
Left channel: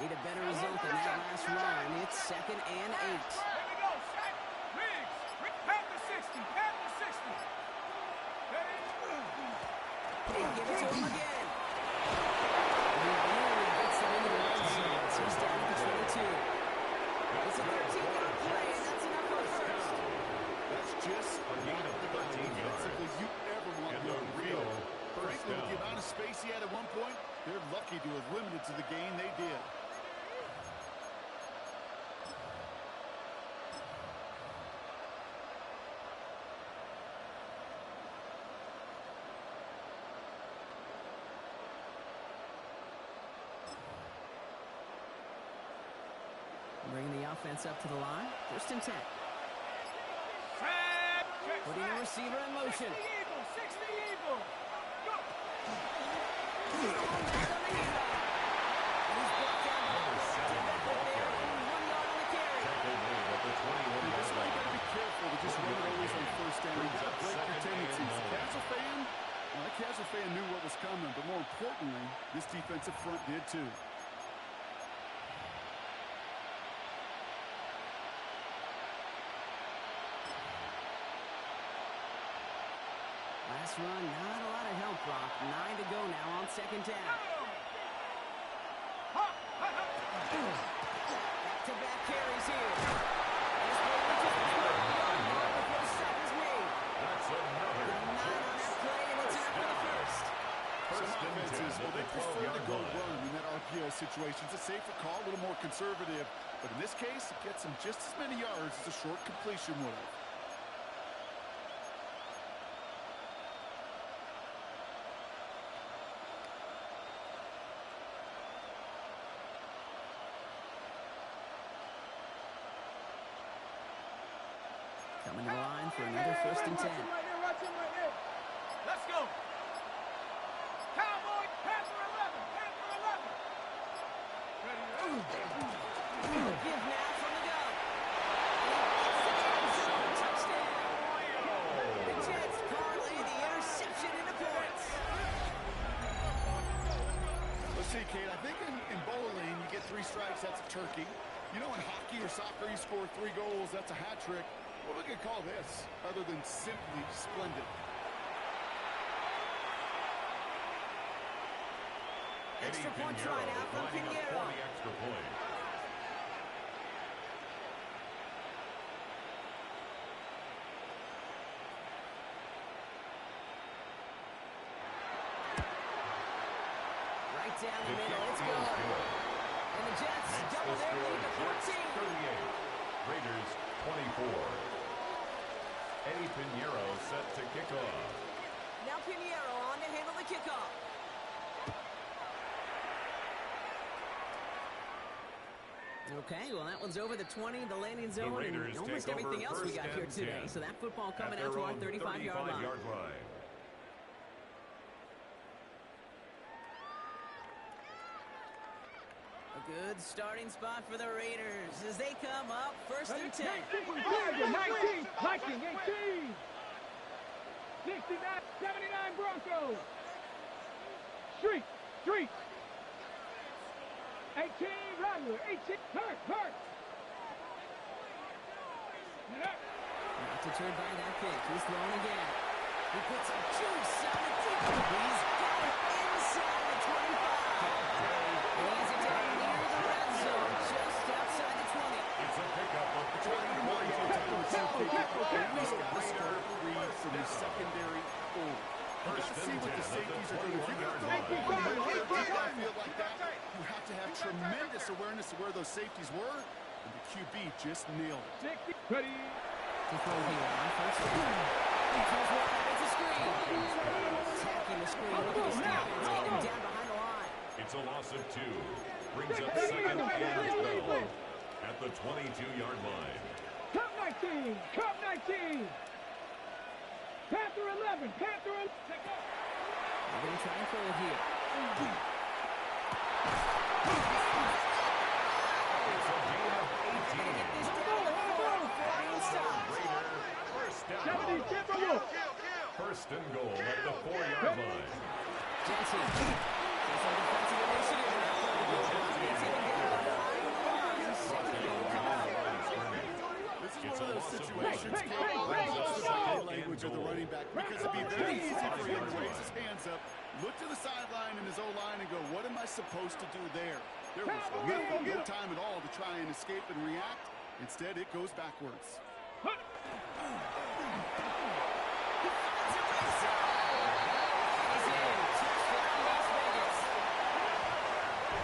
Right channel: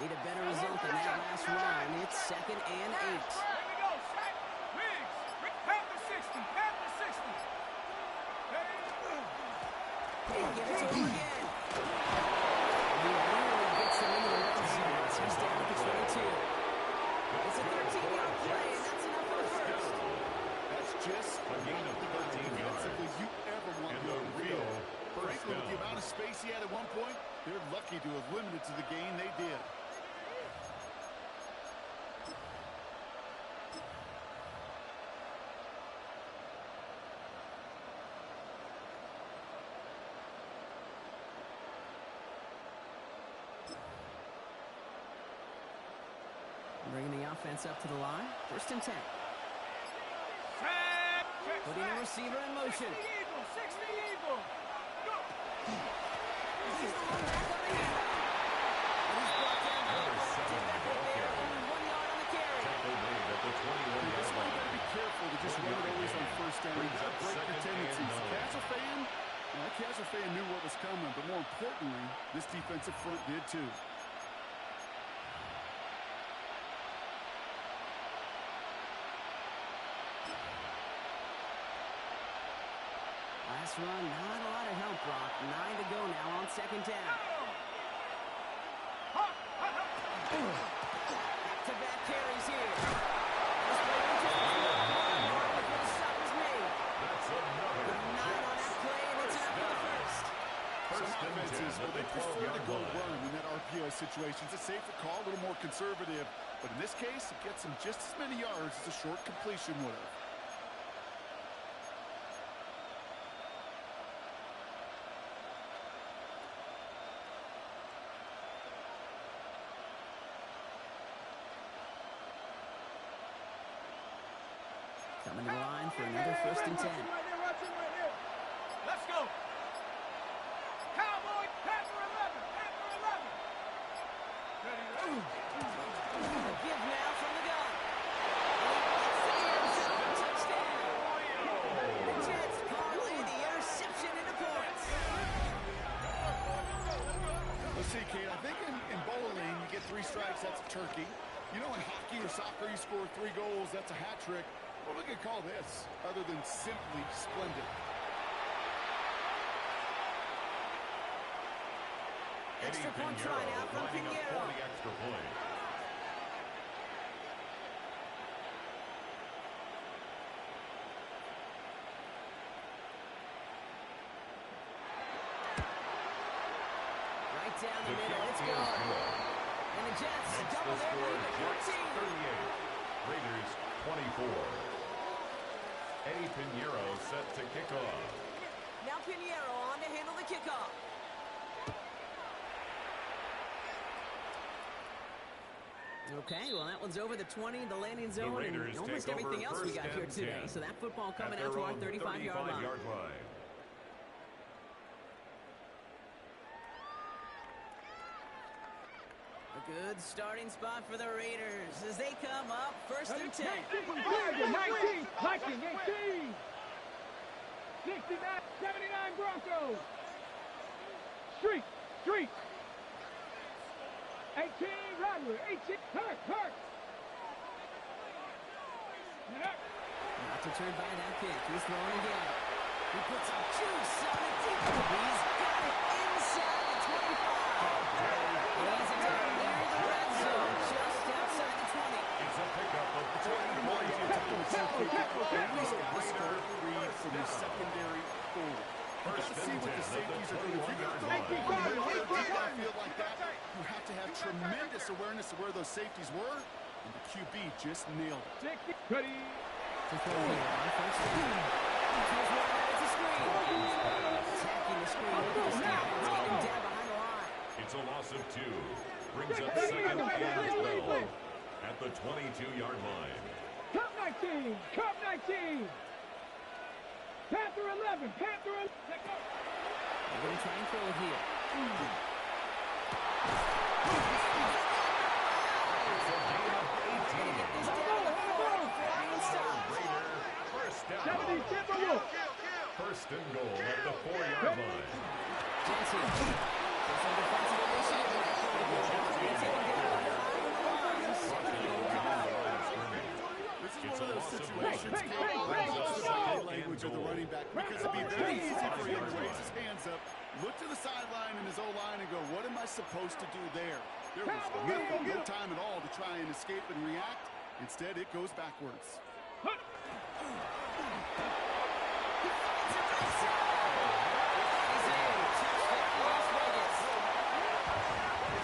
Need a better result than that last run. It's second and 8. Here we go, set. Riggs. Panther 60. Panther 60. They give it to him again. He really gets them into the red zone. He's down at the 22. It's a 13-yard play, and that's enough for the first. That's just A gain of 13 yards. defensively you ever want And to the go real field. first Frankly, with the down. amount of space he had at one point, they're lucky to have limited to the gain they did. Bringing the offense up to the line. First and 10. Putting the receiver in motion. 60 Eagle. 60 Eagle. Go. He's thrown back on the handoff. And he's brought down by Number 7 back ball there. carrier. Only 1 yard on the carry. Tackle made at the 21-yard That's why you got to line. be careful to just run it always on first down. You Brings got to up break your second and tendencies. 9. Casual fan, well, that casual fan knew what was coming, but more importantly, this defensive front did too. Last run, not a lot of help, Brock. 9 to go now on second down. Back-to-back carries here. This play reaches the 1 yard before the stop is made. That's another 9 on that play, and it's enough for the first. Some First and 10 offenses, well, at they the prefer to 12-yard go line. run, and that our RPO situations. A safer call, a little more conservative. But in this case, it gets him just as many yards as a short completion would have. Coming to the line for another first and 10. Watch him right there. Let's go. Cowboy, Panther 11, Panther 11. A give now from the gun. And he gets to the end zone. Touchdown. The Jets parlay the interception into points. Let's see, Kate. I think in bowling, you get 3 strikes, that's a turkey. You know, in hockey or soccer, you score 3 goals, that's a hat trick. What are we going to call this other than simply splendid? Extra point try now from Pinheiro. Extra point. Right down the middle. It's good. And the Jets double their lead to 14. 38. Raiders 24. Eddie Pinheiro set to kick off. Now Pinheiro on to handle the kickoff. Okay, well, that one's over the 20, the landing zone, and almost everything else we got here today. So that football coming out to our 35-yard line. A good starting spot for the Raiders as they come up first and 10. 19, Viking 18. 69, 79 Broncos. Street. 18 Rattler, 18 Hurt. Not deterred by that pick. He's throwing again. He puts some juice on it deep. He's got it inside the 25. He's it down near the red zone, just outside the 20. It's a pickup of 20 Always got to start read from the secondary forward. You got to see what the safeties are doing. If you're going to throw a field like that, you have to have tremendous awareness of where those safeties were, and the QB just nailed it. Ready. To throw here on first down. He throws one out. It's a screen. Attacking the screen. Look at this defense getting down behind the line. It's a loss of 2. Brings up second and 12 at the 22-yard line. Cup 19. Panther 11. Panther 11. They're going to try and throw it here. It's a gain of 18. Get this down the floor before he stops. Raider, first down. First and goal at the 4-yard line. Jensen. There's some defensive initiative in that play to go on. He's taken down behind the line. Second and goal coming up. This is one of those situations language of the running back, because it'd be very easy for him to raise his hands up, look to the sideline in his O-line and go, what am I supposed to do there? There was no time at all to try and escape and react. Instead, it goes backwards. He finds a red zone. He's in. Touchdown, Las Vegas.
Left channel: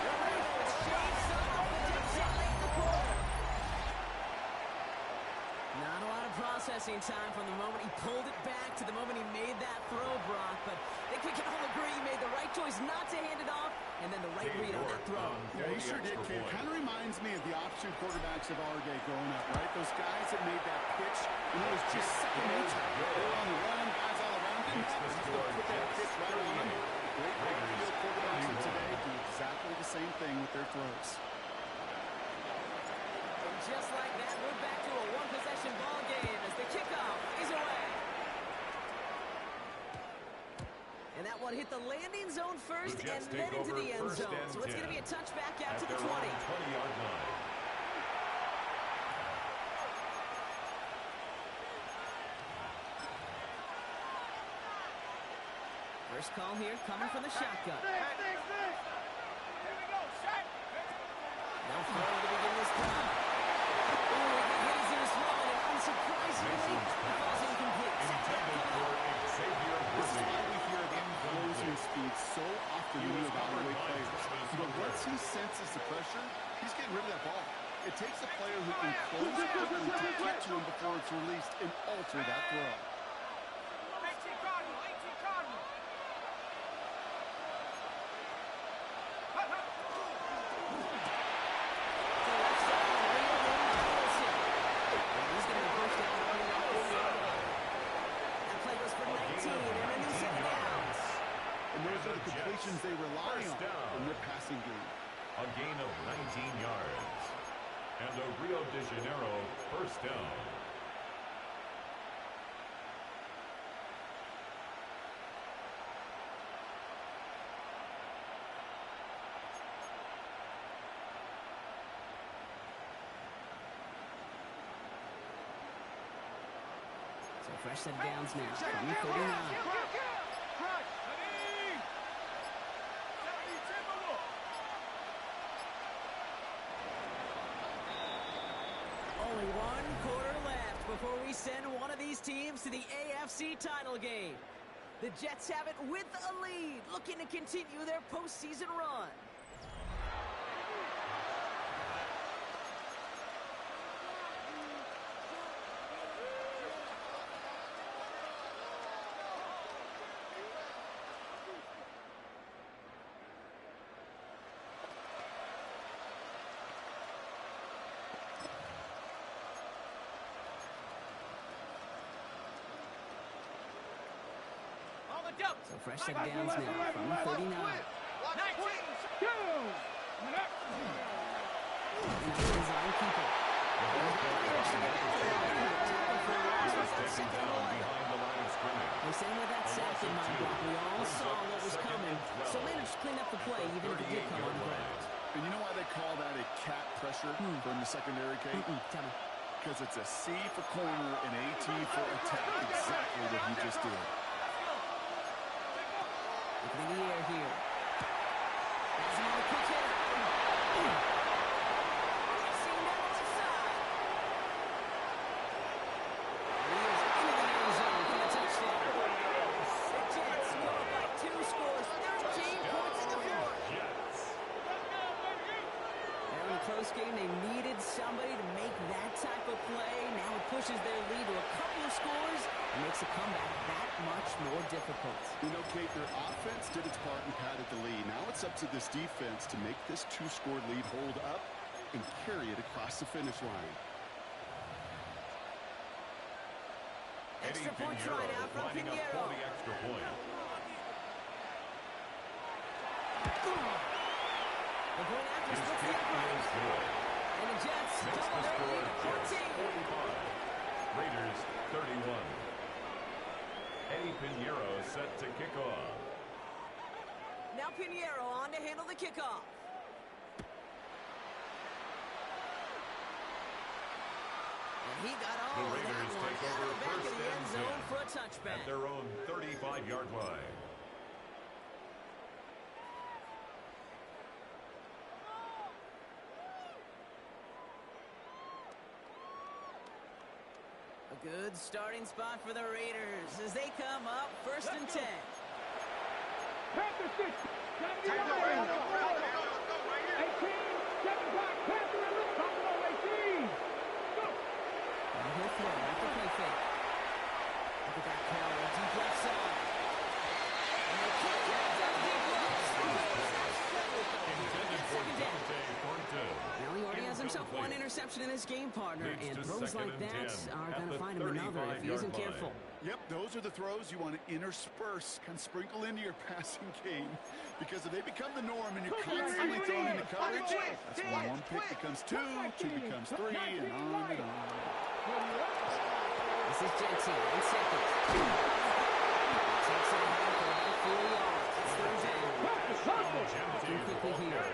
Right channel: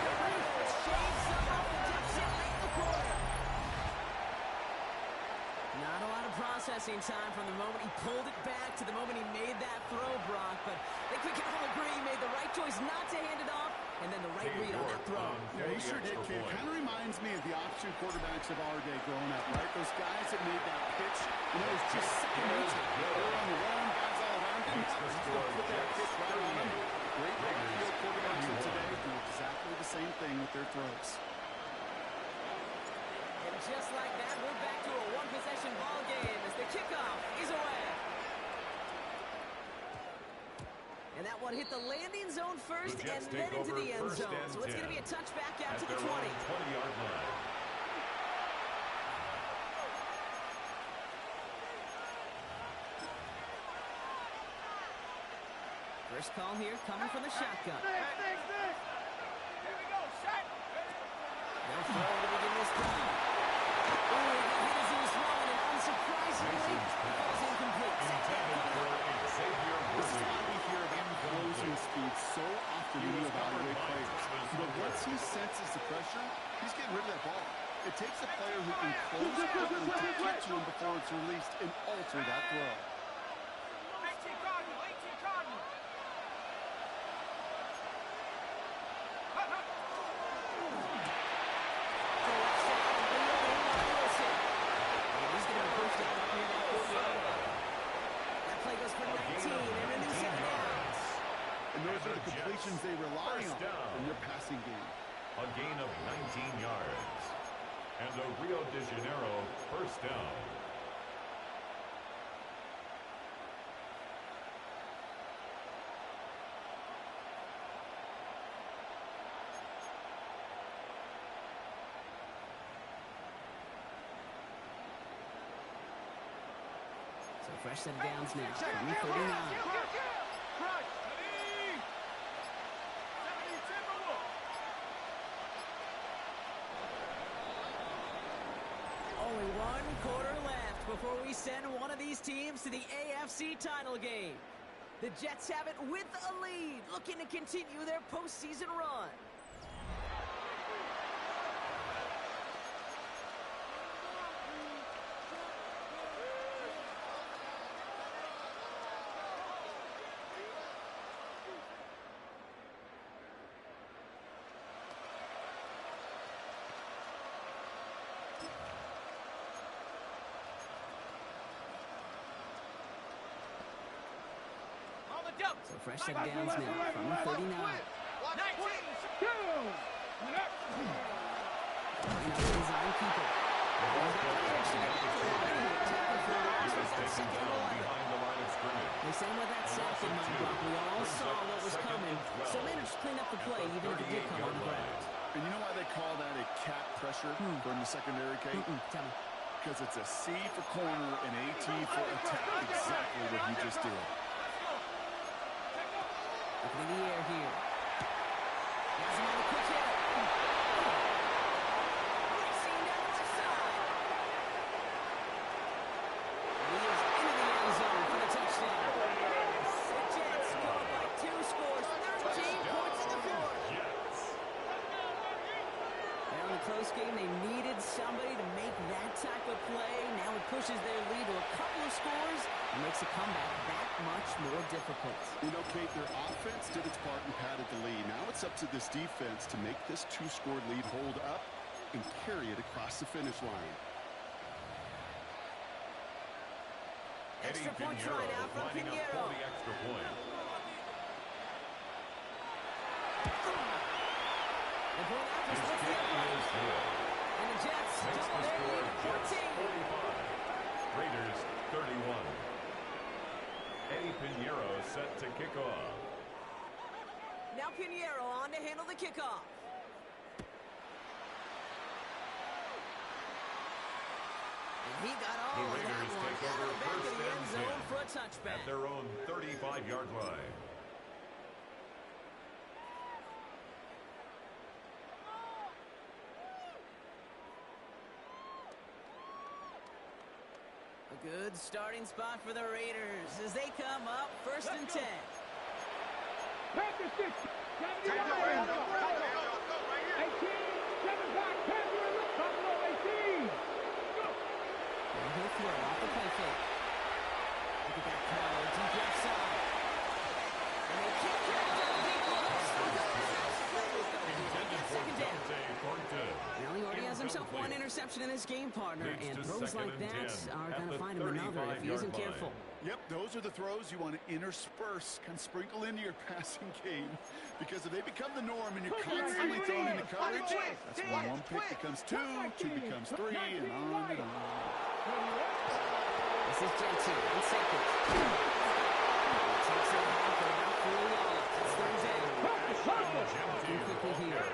The Raiders shave some off the deficit late in the quarter. Not a lot of processing time from the moment he pulled it back to the moment he made that throw, Brock. But I think we can all agree he made the right choice not to hand it off, and then the right read on that throw. Yeah, he sure did, kid. Kind of reminds me of the option quarterbacks of our day growing up, right? Those guys that made that pitch, and it was just second nature. They were on the run, guys all around him. He's going to put that pitch right on him. Great right-field quarterbacks of today do exactly the same thing with their throws. And just like that, we're back to a one-possession ball game as the kickoff is away. And that one hit the landing zone first and then into the end zone. So it's going to be a touchback out to the 20. 20-yard line. First call here coming from the shotgun. Here we go, shot. No throw to begin this drive. Oh, he got hit as he was throwing, and unsurprisingly, he falls incomplete. Intended for Xavier This is Worthy. why we hear about closing speed so often when you evaluate players. But what's he the pressure, he's getting rid of that ball. It takes a player who can close quickly to get to him before it's released and alter that throw. 18 Cardinal, 18 Cardinal. To the left side, and reeled in by Wilson. And he's going to be pushed down up near that 40-yard line. That play goes for 19 and a new set of downs. And those are the completions they rely on in their passing game. A gain of 19 yards. And a Rio de Janeiro first down. So fresh set of downs now from the 39. Crush. 70 Timberwolves. Only one quarter left before we send one of these teams to the AFC title game. The Jets have it with a lead, looking to continue their postseason run. So fresh set of downs now from the 39. 19. Design keeper. They say with that sack in mind, Brock, we all saw what was coming, so managed to clean up the play, even if it did come on the ground. And you know why they call that a cat pressure from the secondary, Kate? Tell me. Because it's a C for corner and AT for attack. Exactly what he just did. Looking in the air here. Has him on the quick hitter. Racing down the left side. And he is into the end zone for the touchdown. The Jets go up by 2 scores, 13 points in the fourth. Well, in a close game, they needed somebody to make that type of play. Now it pushes their lead to a couple of scores and makes a comeback that much more difficult. You know, Kate, their offense did its part and padded the lead. Now it's up to this defense to make this 2-score lead hold up and carry it across the finish line. Extra point try now from Pinheiro. The extra point. The point after splits the upright. And the Jets double their lead to 14. 45. Raiders 31. Eddie Pinheiro set to kick off. Now Pinheiro on to handle the kickoff. And he got all of that Raiders one take out over of the back first of the end and zone 10 for a touchback. at their own 35-yard line. A good starting spot for the Raiders as they come up first and 10. Panther 6. 70 yards. 18. 7 back. Panther and left. Buffalo 18. Go. And he'll throw off the play fake. Look at that power, deep left side. And they kick it down deep left. Intended for Dante Thornton. Well, he already has himself one interception in this game, partner, and throws like that are going to find him another if he isn't careful. Yep, those are the throws you want to intersperse, kind of sprinkle into your passing game, because if they become the norm and you're constantly thrown into coverage, that's when one pick becomes 2 becomes 3, and on and on. This is Jensen in second. Takes it ahead for about 4 yards. It's third down. Looking quickly here.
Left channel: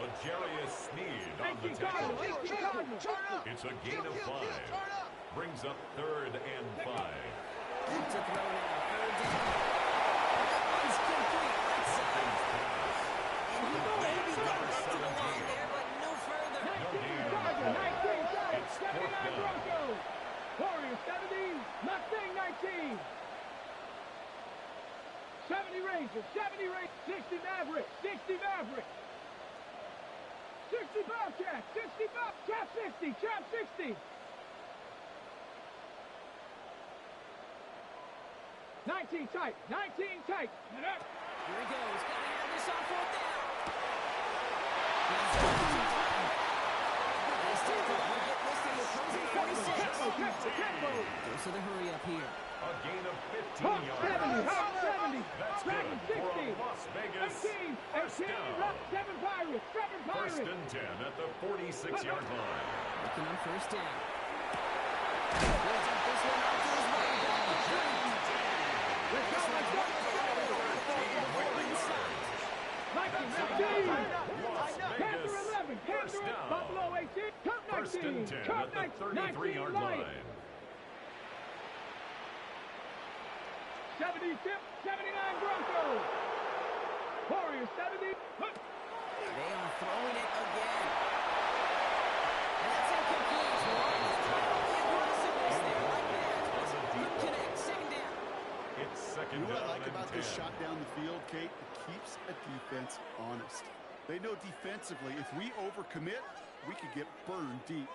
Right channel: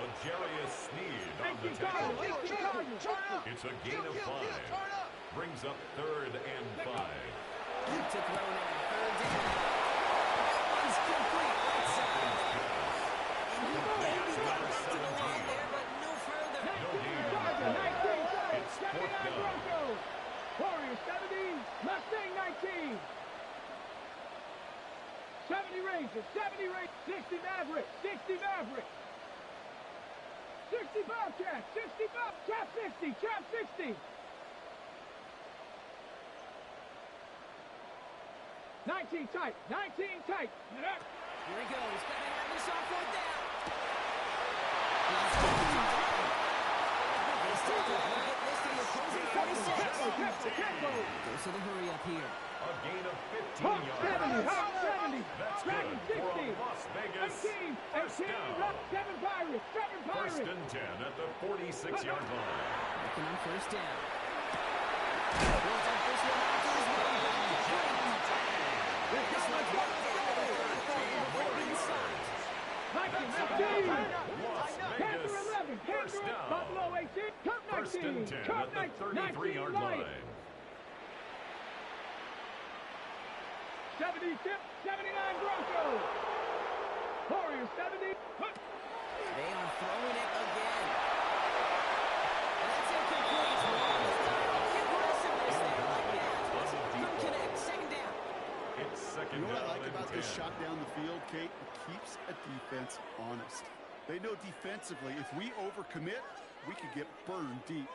L'Jarius Sneed on the tackle. It's a gain of 5. Brings up 3rd and 5. Back to throw now. 3rd down. That one's complete right side. And he maybe got back to the line there, but no further. No gain on the play. It's 4th down. Warriors 70. Mustang 19. 70 Rangers. 70 Rangers. 60 Mavericks. 60 Mavericks. Bobcat, 60 Bob, Chap 60, Chap 60. 19 tight, 19 tight. Here he goes. Got to have this on fourth down. They still will get this to the opposing 46. Goes to the hurry up here. A gain of 15 Hawk yards. 70, Hawk 70. That's Dragon good for 60. a Las Vegas 18, first 18, down. 7 Pirates, 7 Pirates. First and 10 at the 46-yard line. Looking on first down. Builds up this one out to his running back. Let's go, let's go, let's go. Inside. 19, Las Panther Vegas 11, first Panther down. Buffalo 18, Cup 19, First and 10 Cup at the 33-yard 19, line. 70 tip, 79 Broncos. Warriors 70. They are throwing it again. And that's incomplete. The aggressiveness there like that. Couldn't connect. Second down. It's second You know what down I like and about 10. this shot down the field, Kate? It keeps a defense honest. They know defensively, if we overcommit, we could get burned deep.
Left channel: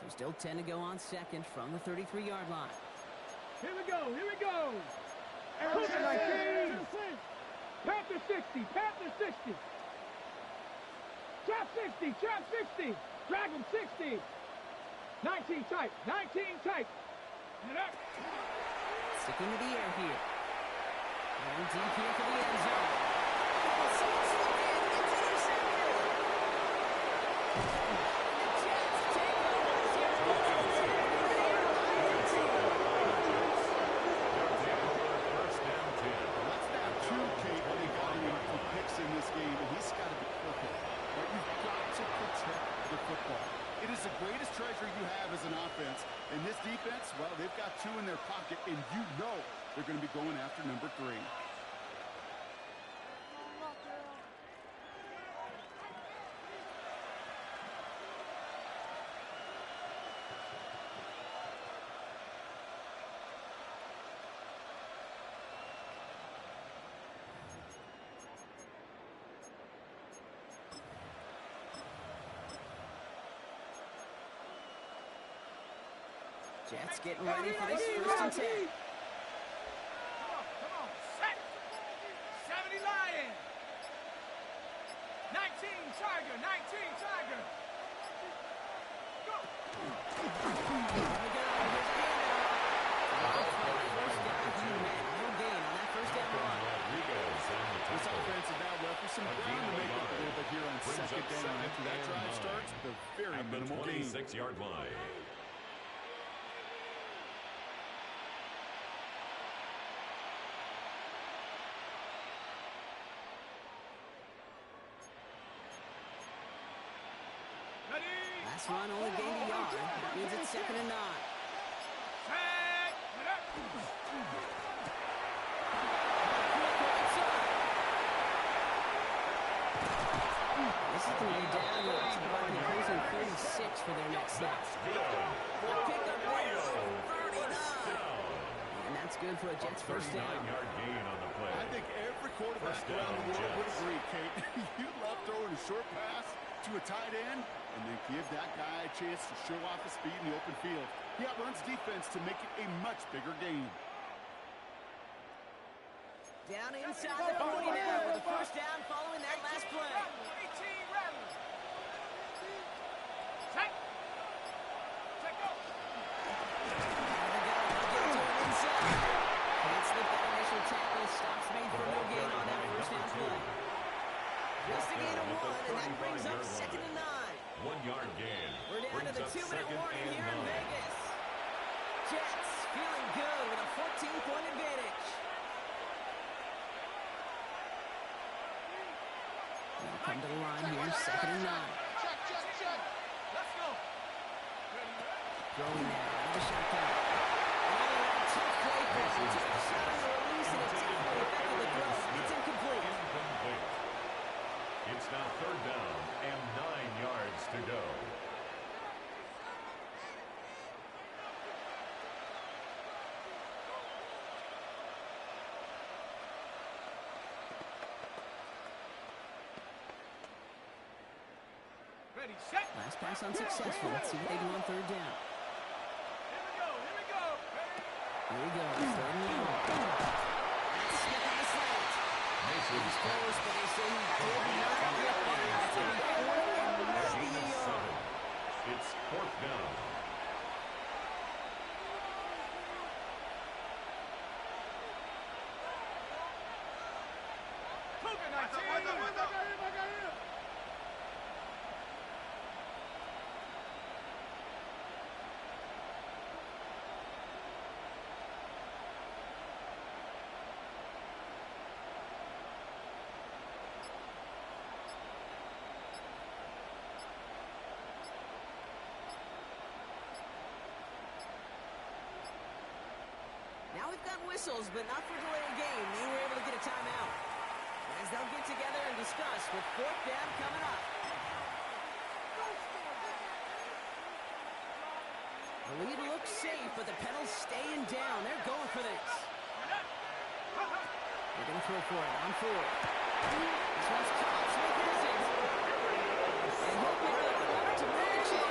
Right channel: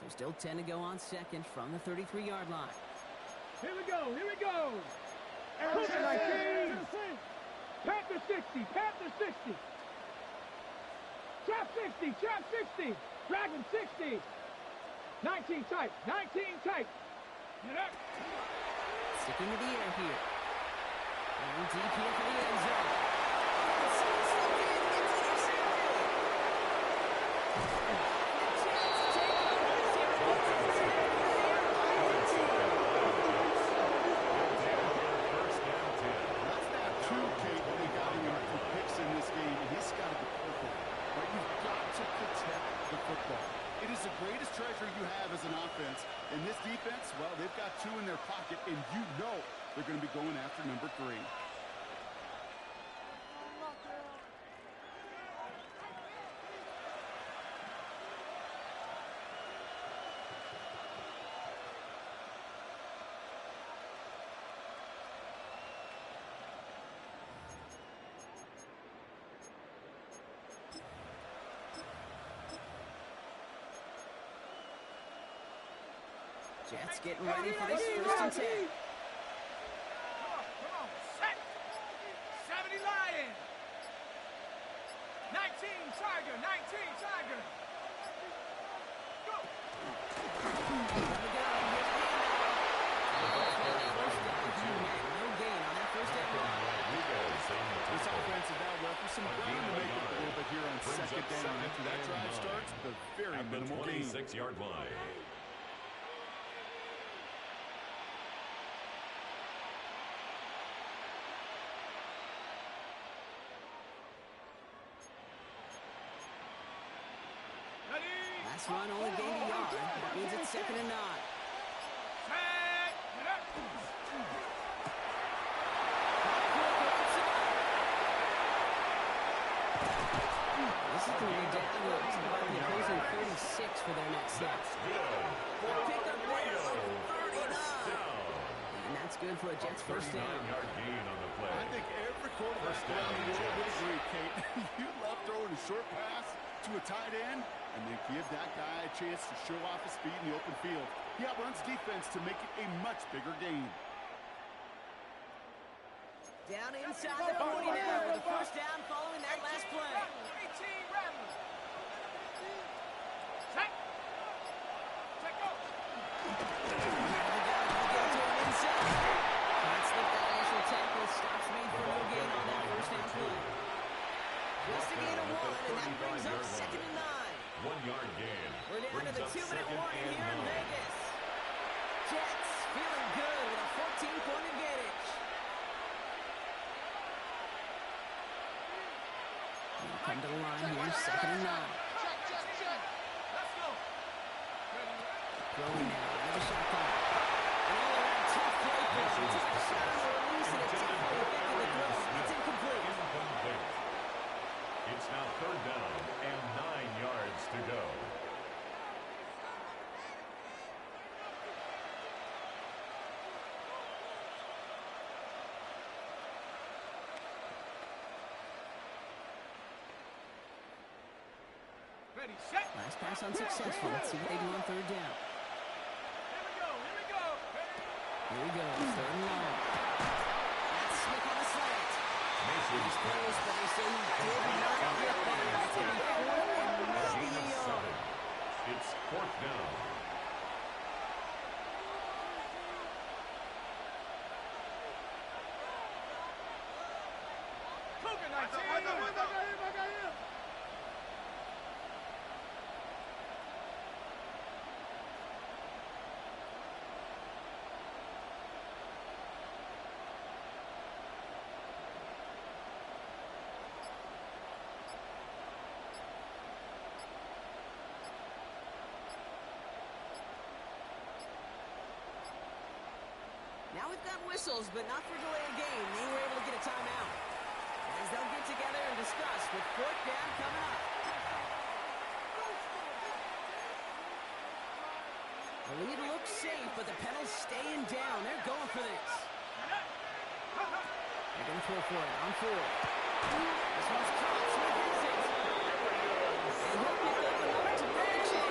So still 10 to go on second from the 33-yard line. Here we go, here we go. Cougar 19. Panther 60, Panther 60. Chap 60, Chap 60. Dragon 60. 19 tight, 19 tight. Sticking to the air here. Going deep here for the end zone. Someone slipped in. It's intercepted. The Jets take over this here. First and 10. That's that two, Kate, when they got him a few picks in this game, and he's got to be careful. Right? You've got to protect the football. It is the greatest treasure you have as an offense. And this defense, well, they've got two in their pocket, and you know they're going to be going after number 3. Jets getting ready for this first and 10. Come on, set. 70 Lion. 19 Tiger, 19 Tiger. Go. Here we go. Here's a handoff. First down. No gain on that first down run. Rodriguez on the This tackle. offense is now left with some ground to make up a little bit here on Brings second up down. second After that and drive 9. starts, the very At the minimal gain. 26-yard line. Last run only gained a yard. That means it's second and 9. This is going to be down to about the opposing 36 for their next snap. That's good. Pick up there of 39. Down. And that's good for a Jets first down. 39-yard gain on the play. I think every quarterback First down, around the world would Jets. agree, Kate. You love throwing a short pass to a tight end and then give that guy a chance to show off his speed in the open field. He outruns defense to make it a much bigger gain. Down inside the 40 now with the first down following that last play. 18 Rattler. Set. Set, go. There we go. They'll get it to him inside. Can't slip that initial tackle. Stops made for no gain on that first down play. Just a gain of 1, and that brings up second and 9. 1-yard gain. We're down to the Brings up 2-minute second warning and here in 9. Vegas. Jets feeling good with a 14-point advantage. They'll come to the line here, second and 9. Check. Let's go. Throwing now out of the shotgun. An all-around tough play for him. Took a shot on the release, and it definitely affected the throw. It's incomplete. Incomplete. It's now third down and 9 yards to go. Ready, set. Last pass unsuccessful. Let's see what they do on third down. Here we go. Here we go. Ready. Here we go. Third and long. That's Smith on the slant. He's close, but they say he did not get there. It's going to be fourth and maybe a yard. It's fourth down. Cougar 19. Now we've got whistles, but not for delay of game. They were able to get a timeout. As they'll get together and discuss with fourth down coming up. The lead looks safe, but the pedal's staying down. They're going for this. They're going to throw for it on fourth. This one's caught. Smith is it. And he'll pick up enough to match it.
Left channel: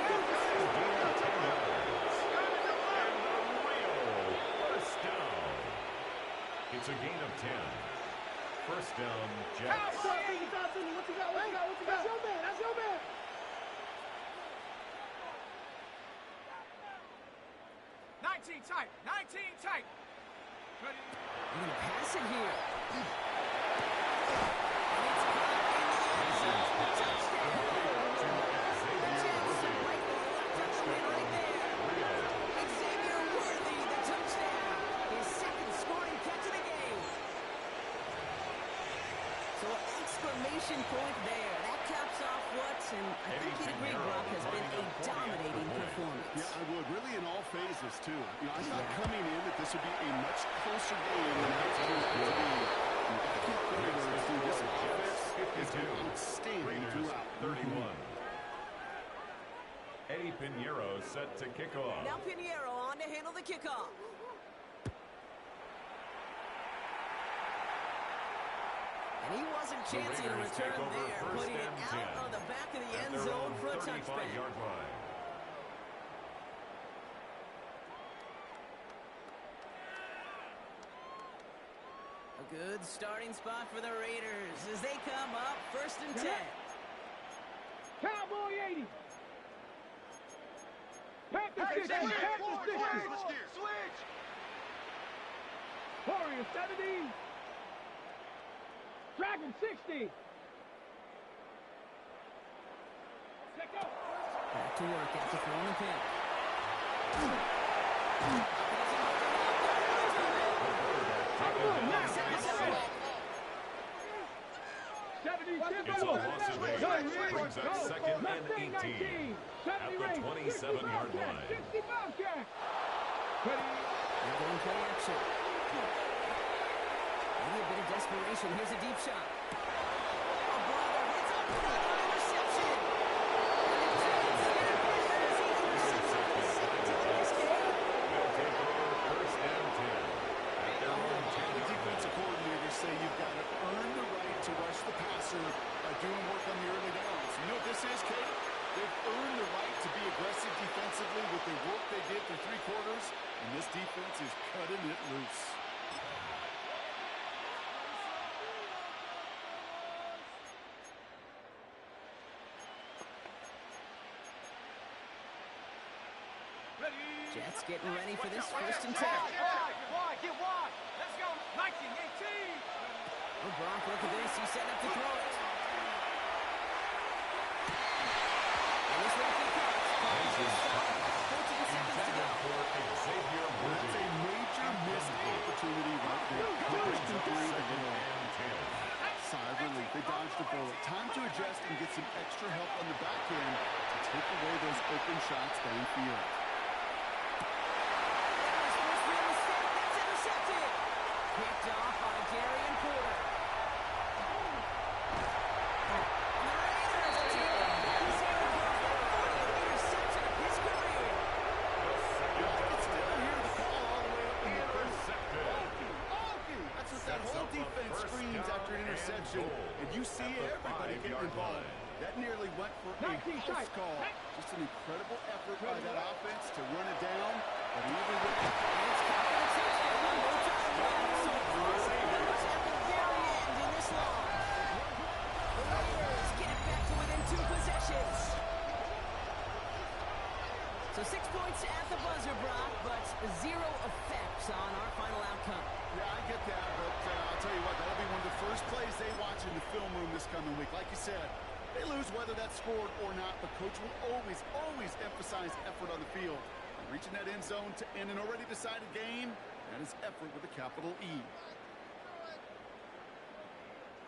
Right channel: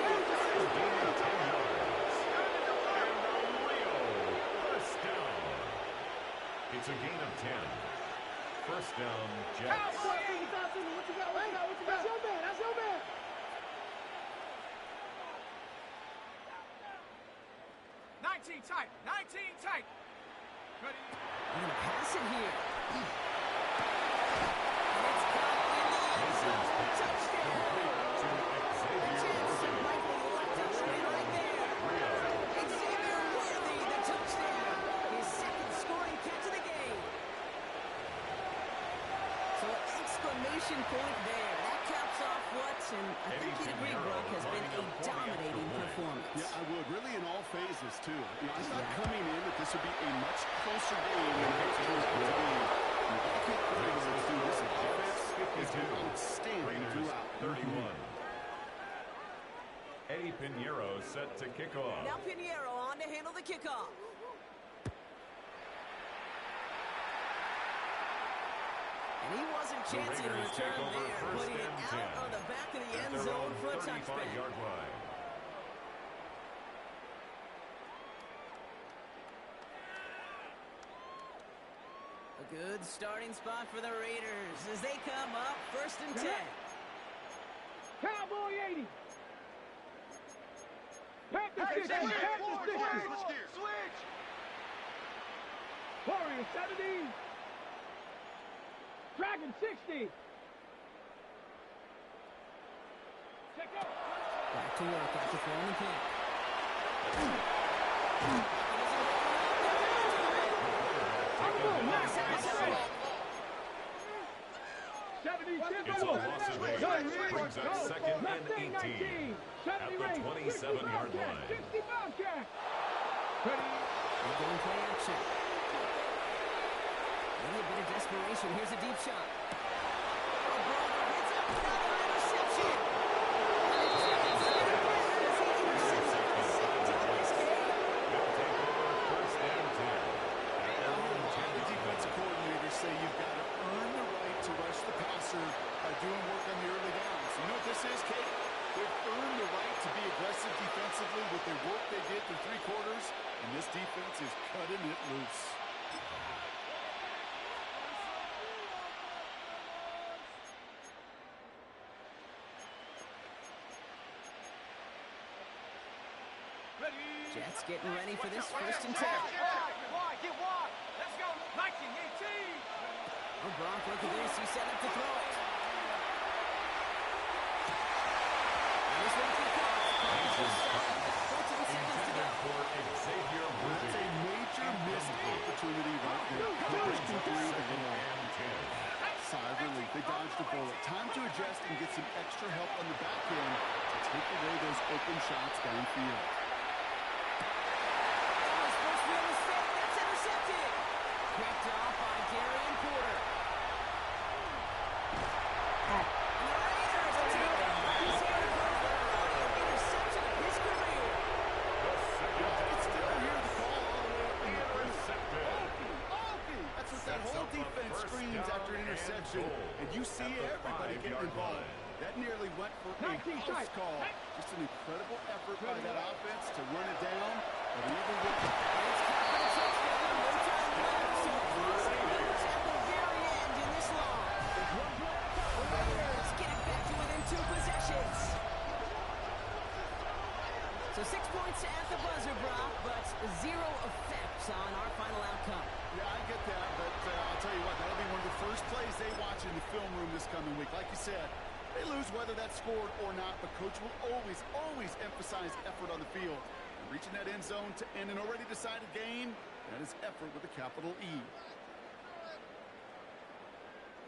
It's a gain of 10. First down, Jets. What you got? That's your man. That's your man. Tight. 19 tight. Ready. They're going to pass it here. And it's caught in the end zone. Touchdown. The Jets have likely locked up the win right there. Xavier Worthy, the touchdown. His second scoring catch of the game. So an exclamation point there. That caps off what, and I think you'd agree, Brock, has been a dominating performance. Yeah, I would. Really in all phases, too. You know, I thought coming in that this would be a much closer game than it turned out to be. I can't put it words, dude. This offense has been outstanding throughout. 31. Eddie Pinheiro set to kick off. Now Pinheiro on to handle the kickoff. And he wasn't chancing a return there, putting it out on the back of the end zone for a touchback. 35-yard line. A good starting spot for the Raiders as they come up first and 10. Cowboy 80. Panther 60. Switch. Warrior 70. Dragon 60. Check out. Back to work after throwing the pick. It's a loss of 8. Brings up second and 18 at the 27-yard line. 60 Bobcat. Ready. They're going play action. Maybe a bit of desperation. Here's a deep shot. Oh, brother, hits another interception. And the Jets get it back as he intercepts it for the second time this game. They'll take over first and 10 at their own 10. The defensive coordinators say you've got to earn the right to rush the passer by doing work on the early downs. You know what this is, Kate? They've earned the right to be aggressive defensively with the work they did through three quarters, and this defense is cutting it loose. Jets getting ready for this first and 10. Get wide. Let's go. 19-18. Oh, Brock, look at this. He's setting up to throw it. And this one he caught. 14 seconds to go. For Xavier Worthy. That's a major missed opportunity right there. First and 3 to go. Sigh of relief. They dodged a bullet. Time to adjust and get some extra help on the back end to take away those open shots downfield. Picked off by Darian Porter. And the Raiders take it. He's here to go for the 40th interception of his career. You can still hear the call all the way up in the Intercepted. Okay. That's what that whole defense screams after an interception. And you see everybody getting involved. That nearly went for a house call. Just an incredible effort by that offense to run it down. But even with it's caught for the touchdown. No time left. So crossing at the very end in this long. The Raiders get it back to within 2 possessions. So 6 points at the buzzer, Brock, but 0 effects on our final outcome. Yeah, I get that, but I'll tell you what, that'll be one of the first plays they watch in the film room this coming week. Like you said, they lose whether that's scored or not, but Coach will always emphasize effort on the field. And reaching that end zone to end an already decided game, that is effort with a capital E.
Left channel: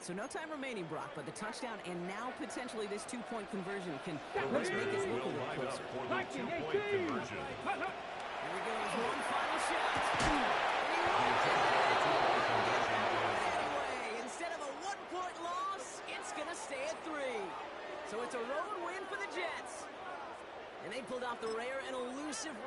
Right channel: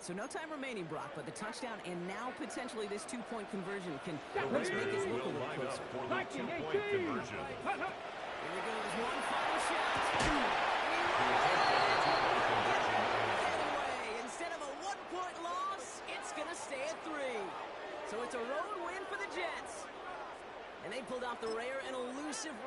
So no time remaining, Brock, but the touchdown and now potentially this 2-point conversion can make us look a little closer. For the 2-point conversion. Here he goes, one final shot. Anyway, instead of a 1-point loss, it's going to stay at 3. So it's a road win for the Jets. And they pulled off the rare and elusive